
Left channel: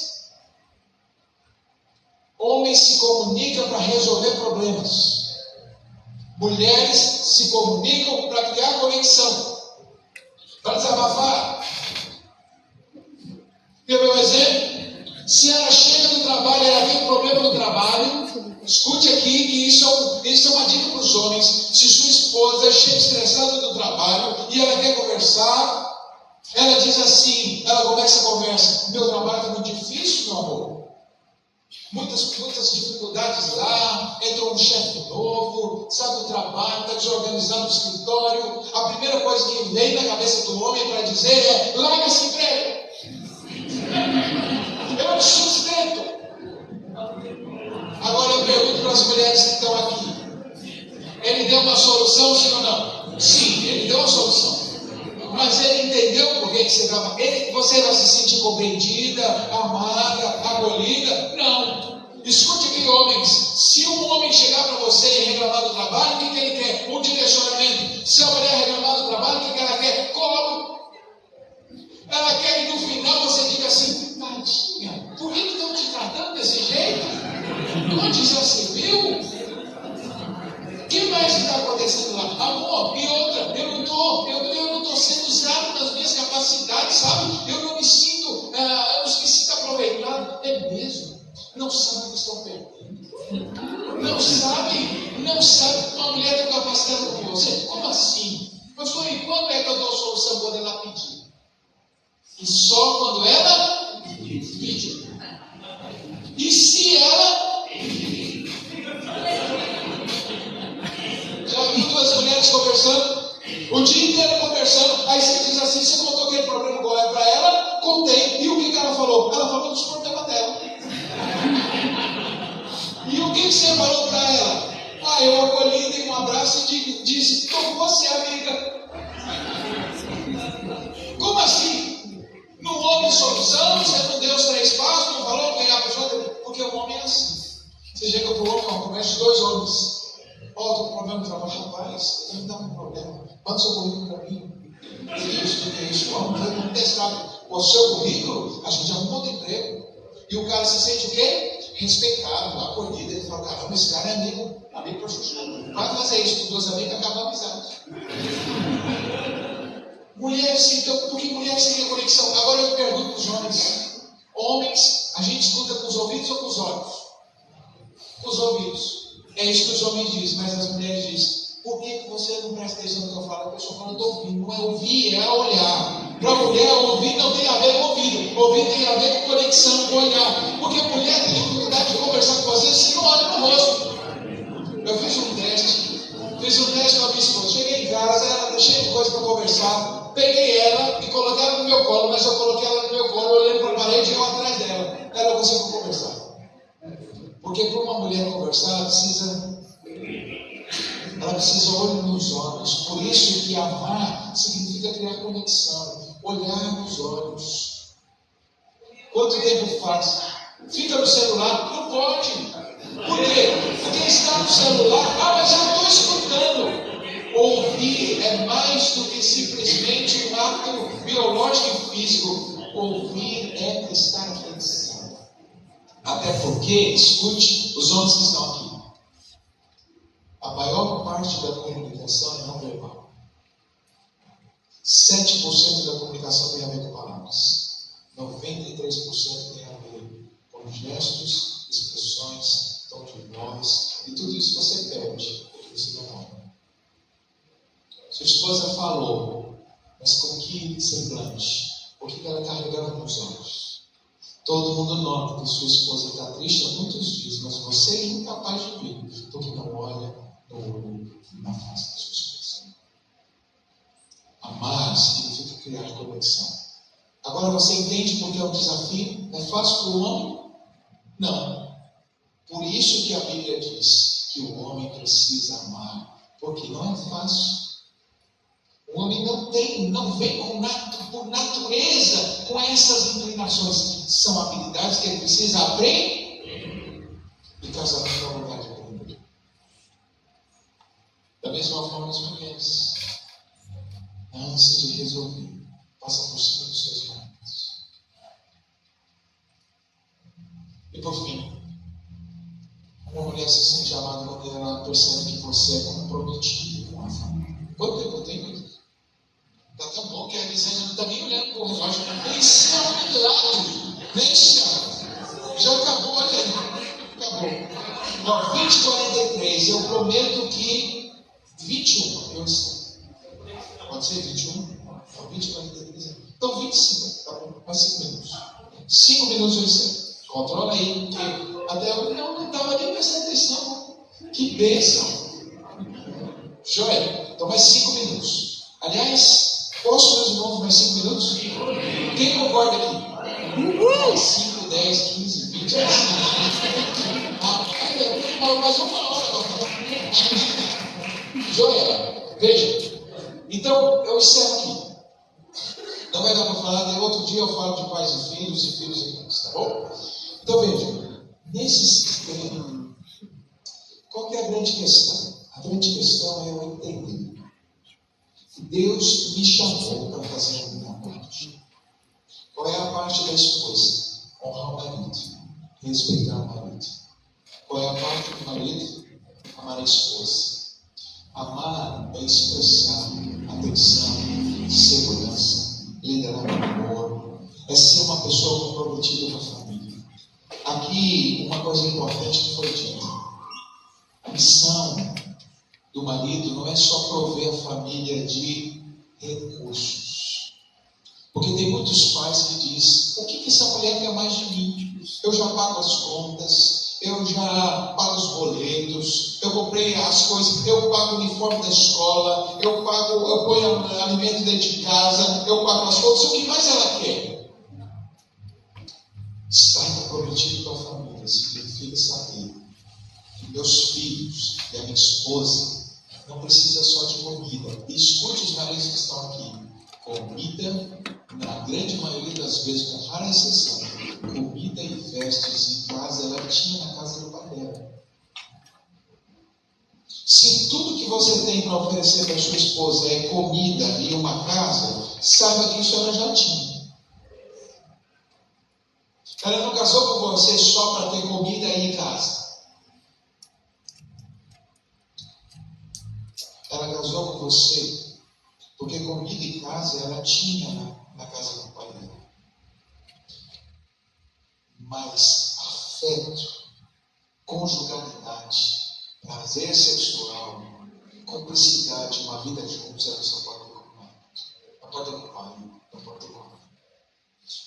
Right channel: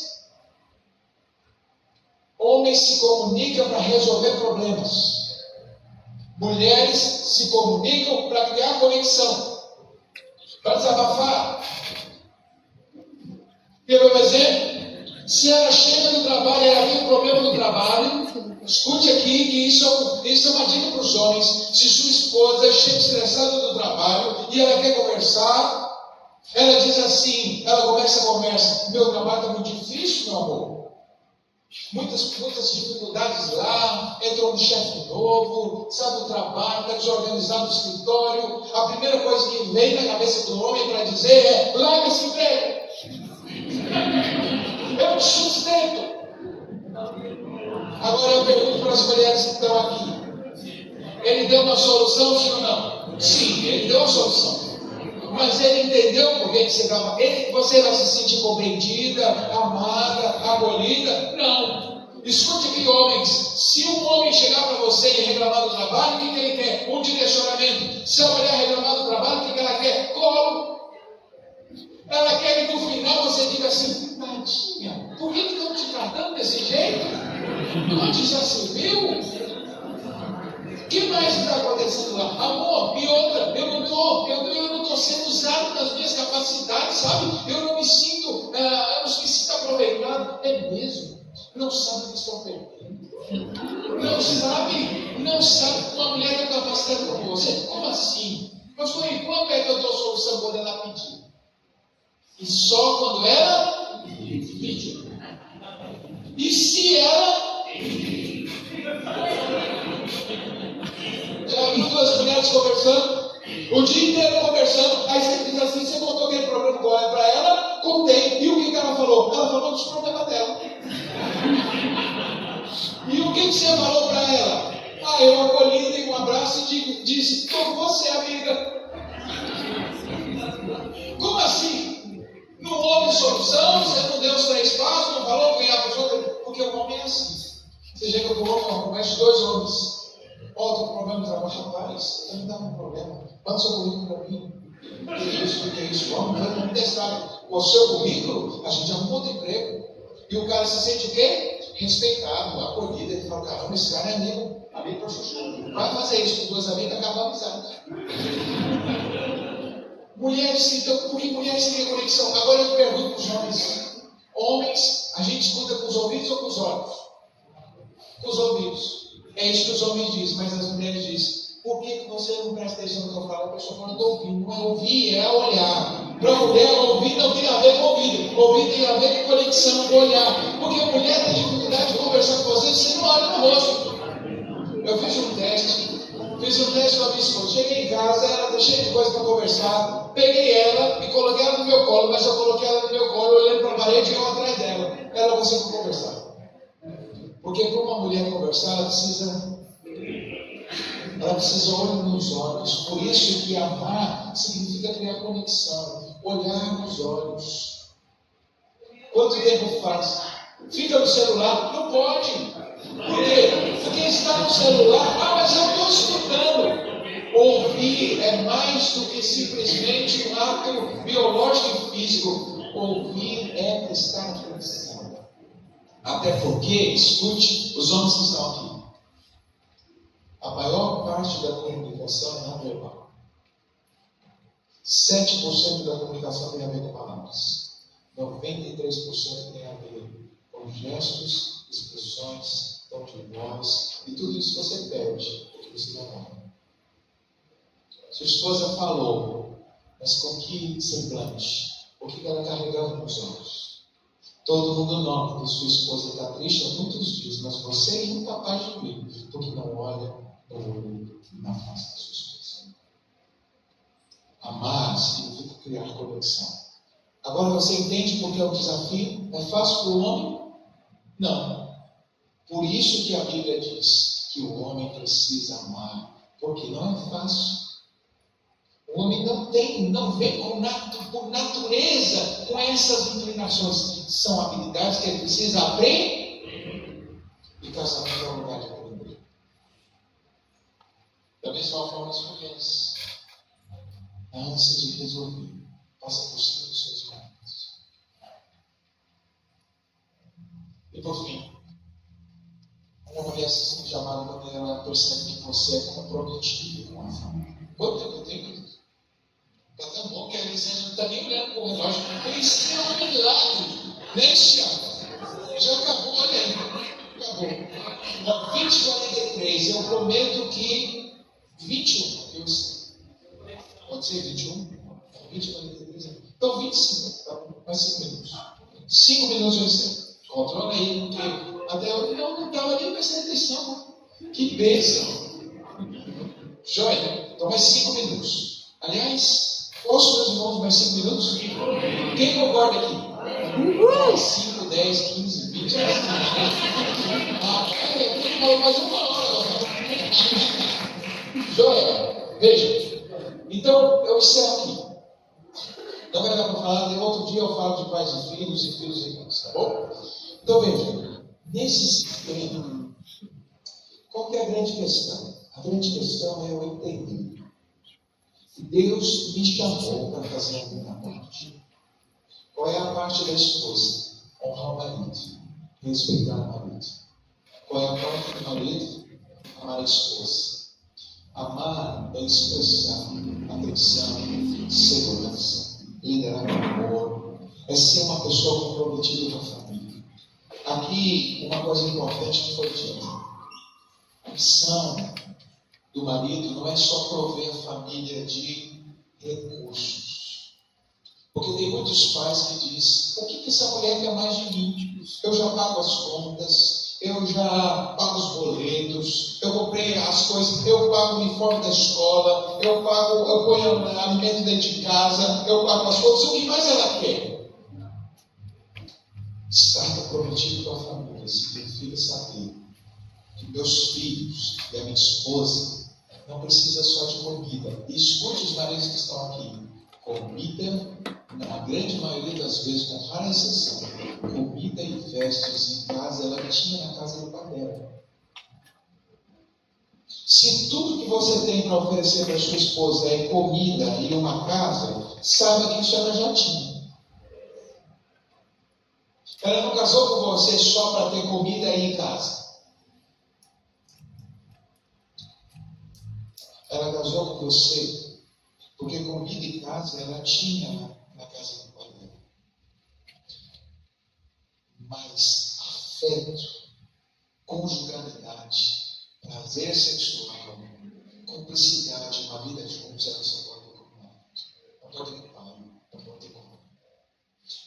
Homem Homens se comunicam para resolver problemas. Mulheres se comunicam para criar conexão, para desabafar. Quer ver um exemplo? Se ela chega do trabalho e ela tem um problema no trabalho, escute aqui que isso é uma dica para os homens. Se sua esposa chega estressada do trabalho e ela quer conversar, ela diz assim, ela começa a conversa: meu trabalho está muito difícil, meu amor. Muitas dificuldades lá, entrou um chefe novo, sabe, o trabalho, está desorganizado no escritório. A primeira coisa que vem na cabeça do homem para dizer é: larga esse emprego. Eu te sustento. Agora eu pergunto para as mulheres que estão aqui: ele deu uma solução, sim ou não? Sim, ele deu uma solução. Mas ele entendeu por que você estava. Você vai se sentir compreendida, amada, acolhida? Não. Escute aqui, homens. Se um homem chegar para você e reclamar do trabalho, o que ele quer? Um direcionamento. Se a mulher reclamar do trabalho, o que ela quer? Colo. Ela quer que no final você diga assim: tadinha, por que estão te tratando desse jeito? Onde já se viu? O que mais está acontecendo lá? Amor, e outra, eu não estou sendo usado nas minhas capacidades, sabe? Eu não me sinto aproveitado. É mesmo? Não sabe o que estão perdendo. Não sabe que uma mulher tem capacidade como você. Como assim? Pastor, e quando é que eu dou solução? Quando ela pedir. E só quando ela pedir. E se ela... Já vi duas mulheres conversando, o dia inteiro conversando, aí você diz assim: você contou aquele problema para ela? Contei. E o que ela falou? Ela falou dos problemas dela. E o que você falou para ela? Eu acolhi, dei um abraço e disse: como você é amiga? Como assim? Não houve solução? Você não deu os 3 passos? Não falou que a pessoa... Porque o homem é assim. Você chega para o homem, eu converso de 2 homens. Estou com problema de trabalho. Rapaz, eu me dá um problema. Manda seu currículo para mim. Que isso? Vamos testar. Com o seu currículo, a gente arruma outro emprego. E o cara se sente o quê? Respeitado, acolhido. Ele fala: caramba, esse cara é amigo para chuchu. Vai fazer isso com 2 amigos, acaba a amizade. Mulheres, então, porque mulheres têm a conexão. Agora eu pergunto para os homens. Homens, a gente escuta com os ouvidos ou com os olhos? Com os ouvidos. É isso que os homens dizem, mas as mulheres dizem: por que você não presta atenção no que eu falo? A pessoa fala: estou ouvindo. Não é ouvir, é olhar. Para a mulher, ouvir não tem a ver com ouvido. Ouvir tem a ver com conexão, com olhar. Porque a mulher tem dificuldade de conversar com você se não olha no rosto. Eu fiz um teste com a minha esposa. Cheguei em casa, ela estava cheia de coisa para conversar. Peguei ela e coloquei ela no meu colo, mas eu coloquei ela no meu colo, olhando para a parede e eu atrás dela. Ela conseguiu conversar. Porque para uma mulher conversar, ela precisa olhar nos olhos. Por isso que amar significa criar conexão, olhar nos olhos. Quanto tempo faz? Fica no celular? Não pode. Por quê? Porque está no celular. Mas eu estou escutando. Ouvir é mais do que simplesmente um ato biológico e físico. Ouvir é prestar atenção. Até porque, escute, os homens que estão aqui, a maior parte da comunicação é não verbal. 7% da comunicação tem a ver com palavras. 93% tem a ver com gestos, expressões, tom de voz, e tudo isso você perde, porque você não ouve. Sua esposa falou, mas com que semblante? O que ela carregava nos olhos? Todo mundo nota que sua esposa está triste há muitos dias, mas você é incapaz de ver, porque não olha no olho e na face da sua esposa. Amar significa criar conexão. Agora você entende porque é um desafio? É fácil para o homem? Não. Por isso que a Bíblia diz que o homem precisa amar, porque não é fácil. O homem não vem por natureza com essas inclinações. São habilidades que ele precisa aprender. E casamento é um lugar de aprender. Da mesma forma, as mulheres, na ânsia de resolver, passam por cima dos seus maridos. E por fim, mulher se sente amada quando ela percebe que você é comprometido com a família. Quanto tempo eu tenho? Está tão bom que a Elisânia não está nem olhando para o relógio. Nem se lado, nem se já acabou, olha aí. Acabou. Ó, 20:43, eu prometo que 21, eu sei. Pode ser 21? Não, 20:43. Então 25, tá bom? Mais 5 minutos. 5 minutos eu sei. Controla aí, porque até eu não estava nem prestando atenção. Que bênção. Joia? Então mais 5 minutos. Aliás, posso, meus irmãos, mais 5 minutos? Quem concorda aqui? 5, 10, 15, 20, mais uma hora. Joia? Veja. Então, eu encerro aqui. Não vai dar para falar, outro dia eu falo de pais e filhos e pais, tá bom? Então veja, nesse sistema, qual que é a grande questão? A grande questão é eu entender que Deus me chamou para fazer a minha parte. Qual é a parte da esposa? Honrar o marido, respeitar o marido. Qual é a parte do marido? Amar a esposa. Amar é expressar atenção, segurança, liderar com amor, é ser uma pessoa comprometida com a família. Aqui, uma coisa importante que foi dita: a missão do marido não é só prover a família de recursos. Porque tem muitos pais que dizem: o que essa mulher quer mais de mim? Eu já pago as contas, eu já pago os boletos, eu comprei as coisas, eu pago o uniforme da escola, eu ponho alimento dentro de casa, eu pago as coisas. O que mais ela quer? Estar comprometido com a família significa saber que meus filhos e a minha esposa não precisam só de comida. E escute os maridos que estão aqui: comida, na grande maioria das vezes, com rara exceção, comida e vestes em casa, ela tinha na casa do pai dela. Se tudo que você tem para oferecer para sua esposa é comida e uma casa, saiba que isso ela já tinha. Ela não casou com você só para ter comida e casa. Ela casou com você porque comida e casa ela tinha na casa do pai dela. Mas afeto, conjugalidade, prazer sexual, cumplicidade, uma vida juntos, ela só pode ter com o pai. Não pode ter com o pai, não pode ter com a mãe.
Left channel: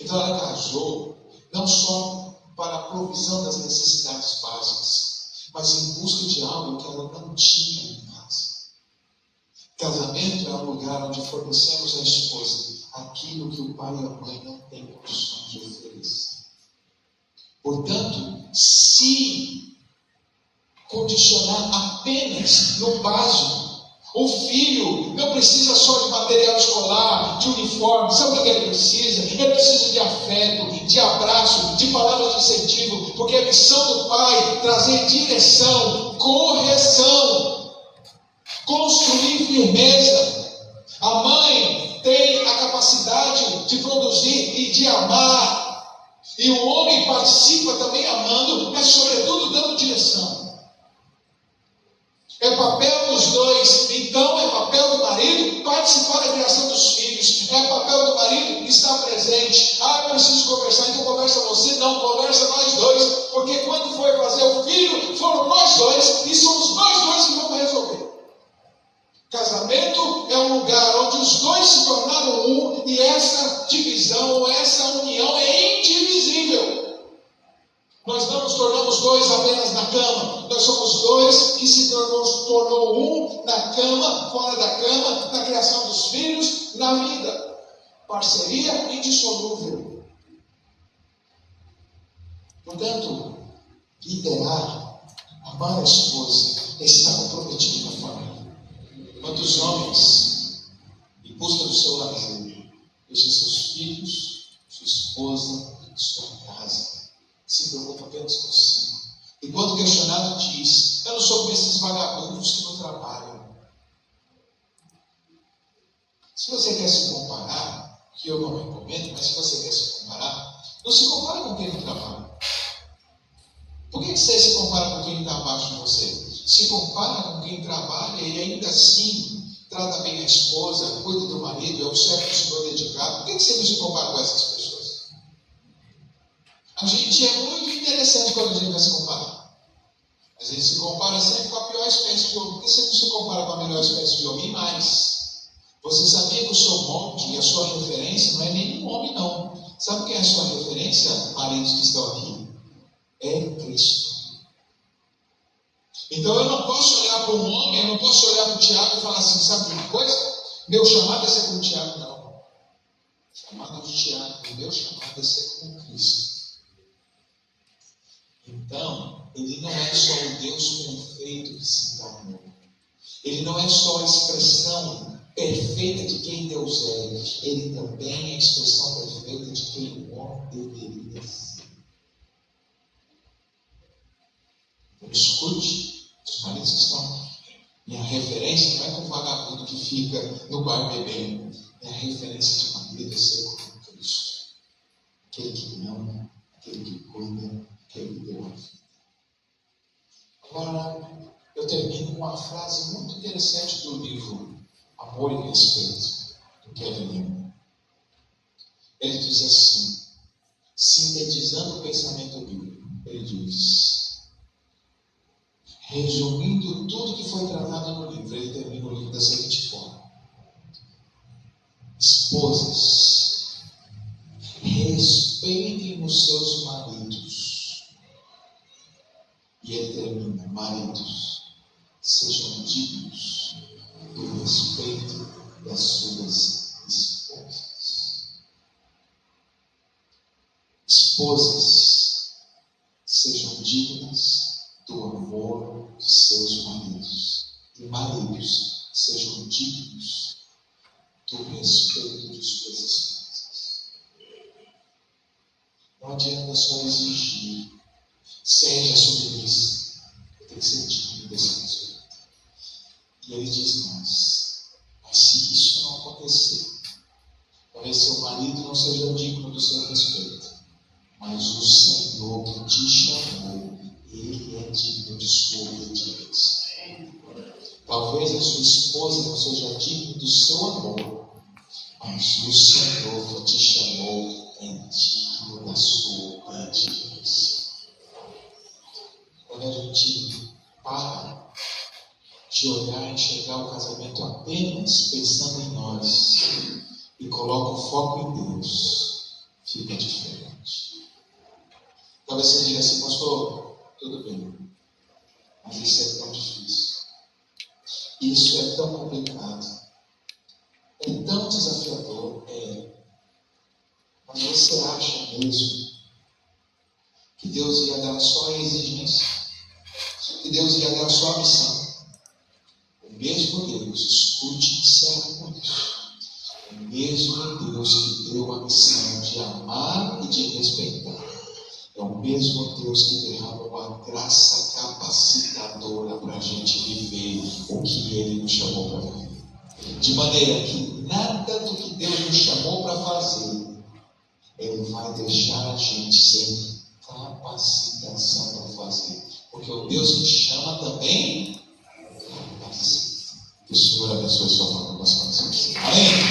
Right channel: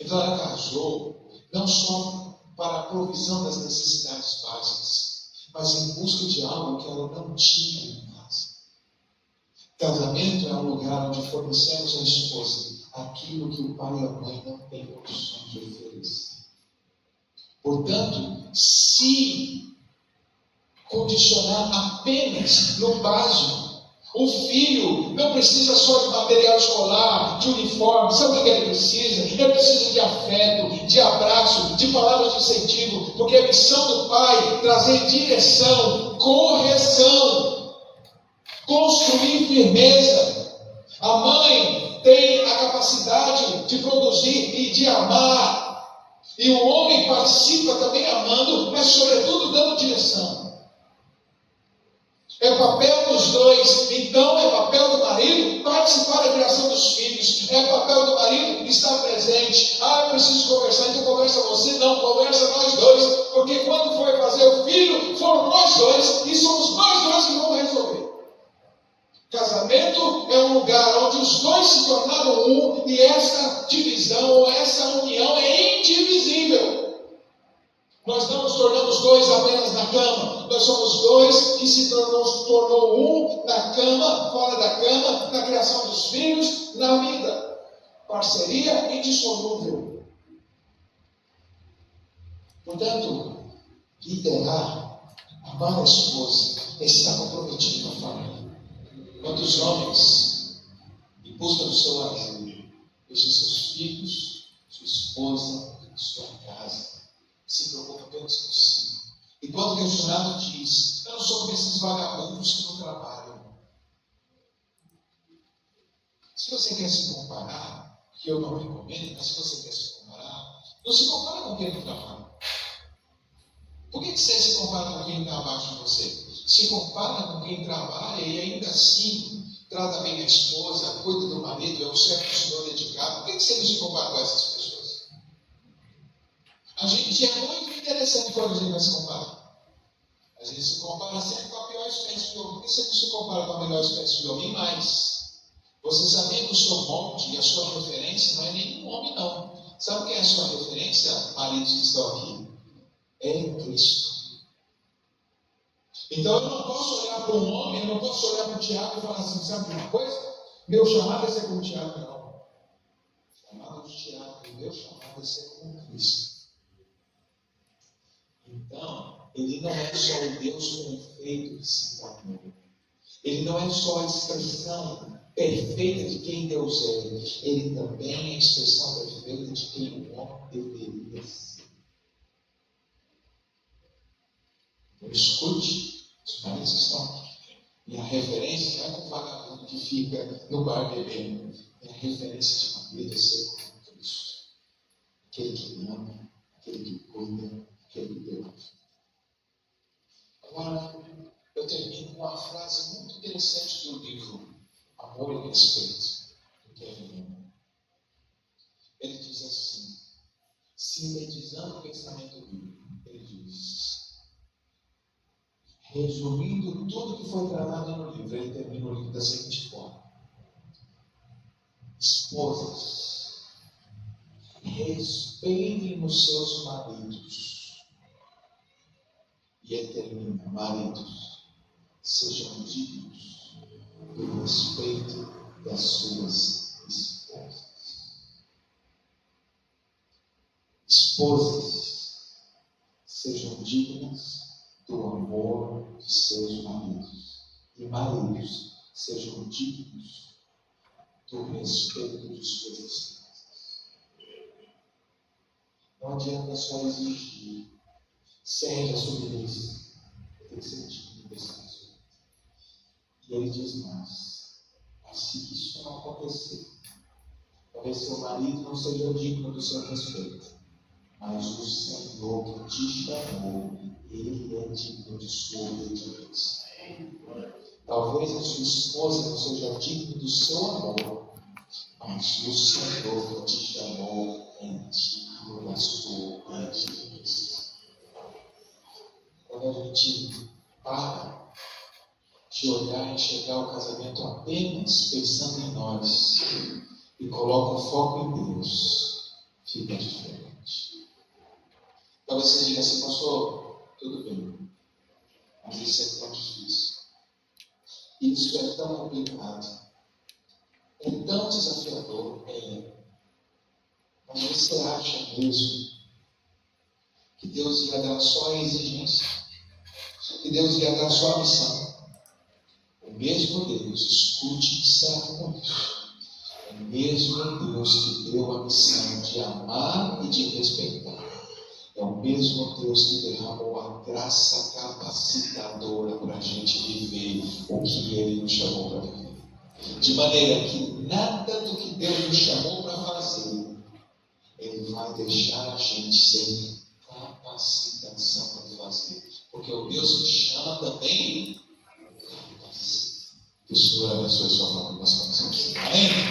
Então ela casou não só para a provisão das necessidades básicas, mas em busca de algo que ela não tinha em casa. Casamento é um lugar onde fornecemos à esposa aquilo que o pai e a mãe não têm condições de oferecer. Portanto, se condicionar apenas no básico, o filho não precisa só de material escolar, de uniforme. Sabe o que ele precisa? Ele precisa de afeto, de abraço, de palavras de incentivo, porque a missão do pai é trazer direção, correção, construir firmeza. A mãe tem a capacidade de produzir e de amar, e o homem participa também amando, mas sobretudo dando direção. É papel dos dois. Então é papel do marido participar da criação dos filhos. É papel do marido estar presente. Eu preciso conversar. Então conversa você, não, conversa nós dois. Porque quando foi fazer o filho, foram nós dois, e somos nós dois que vamos resolver. Casamento é um lugar onde os dois se tornaram um, e essa divisão ou essa união é indivisível. Nós não nos tornamos dois apenas na cama. Nós somos dois que se tornou um na cama, fora da cama, na criação dos filhos, na vida. Parceria indissolúvel. Portanto, liderar, amar a esposa, é estar comprometido com a família. Quantos homens, em busca do seu lazer, deixam seus filhos, sua esposa, sua casa, se preocupa apenas consigo. E quando questionado diz: eu não sou como esses vagabundos que não trabalham. Se você quer se comparar, que eu não recomendo, mas se você quer se comparar, não se compara com quem não trabalha. Por que você se compara com quem está abaixo se compara com quem trabalha e ainda assim trata bem a esposa, cuida do marido, é um servo dedicado. Por que você não se compara com essas pessoas? A gente é muito interessante quando a gente vai se comparar. A gente se compara sempre com a pior espécie de homem. Por que você não se compara com a melhor espécie de homem? E mais, você sabia que o seu molde e a sua referência não é nenhum homem, não. Sabe quem é a sua referência, maridos que estão aqui? É Cristo. Então eu não posso olhar para um homem, eu não posso olhar para o Tiago e falar assim, sabe de uma coisa? Meu chamado é ser como o Tiago, não. O chamado de Tiago, meu chamado é ser como Cristo. Então, ele não é só o Deus perfeito que se encarnou. Ele não é só a expressão perfeita de quem Deus é. Ele também é a expressão perfeita de quem o homem deveria ser. Então, escute, os maridos que estão aqui. Minha referência não é com o vagabundo que fica no bar bebendo. Minha referência de marido é ser como Cristo. Aquele que ama, aquele que cuida, aquele que deu a vida. Agora, eu termino com uma frase muito interessante do livro Amor e Respeito, do Kevin Newman. Ele diz assim, sintetizando o pensamento bíblico, ele diz, resumindo tudo que foi tratado no livro, ele termina o livro da seguinte forma: esposas, respeitem os seus maridos. E ele termina, maridos, sejam dignos do respeito das suas esposas. Esposas, sejam dignas do amor de seus maridos. E maridos, sejam dignos do respeito de suas esposas. Não adianta só exigir. Seja submissa. Tem que ser digno desse respeito. E ele diz mais, mas se isso não acontecer, talvez seu marido não seja digno do seu respeito, mas o Senhor que te chamou, Ele é digno de sua obediência. Talvez a sua esposa não seja digna do seu amor, mas o Senhor que te chamou é digno da sua obediência. Quando a gente para de olhar e enxergar o casamento apenas pensando em nós e coloca o foco em Deus, fica diferente. Talvez você diga assim, pastor, tudo bem, mas isso é tão difícil, isso é tão complicado, é tão desafiador. Mas você acha mesmo que Deus ia dar só a exigência? Que Deus ia dar só a missão? O mesmo Deus, escute e serve com isso. O mesmo Deus que deu a missão de amar e de respeitar. É o mesmo Deus que derramou a graça capacitadora para a gente viver o que Ele nos chamou para viver. De maneira que nada do que Deus nos chamou para fazer, Ele vai deixar a gente sem capacitação para fazer. Porque o Deus que te chama também capacita. Que o Senhor abençoe sua família. Amém?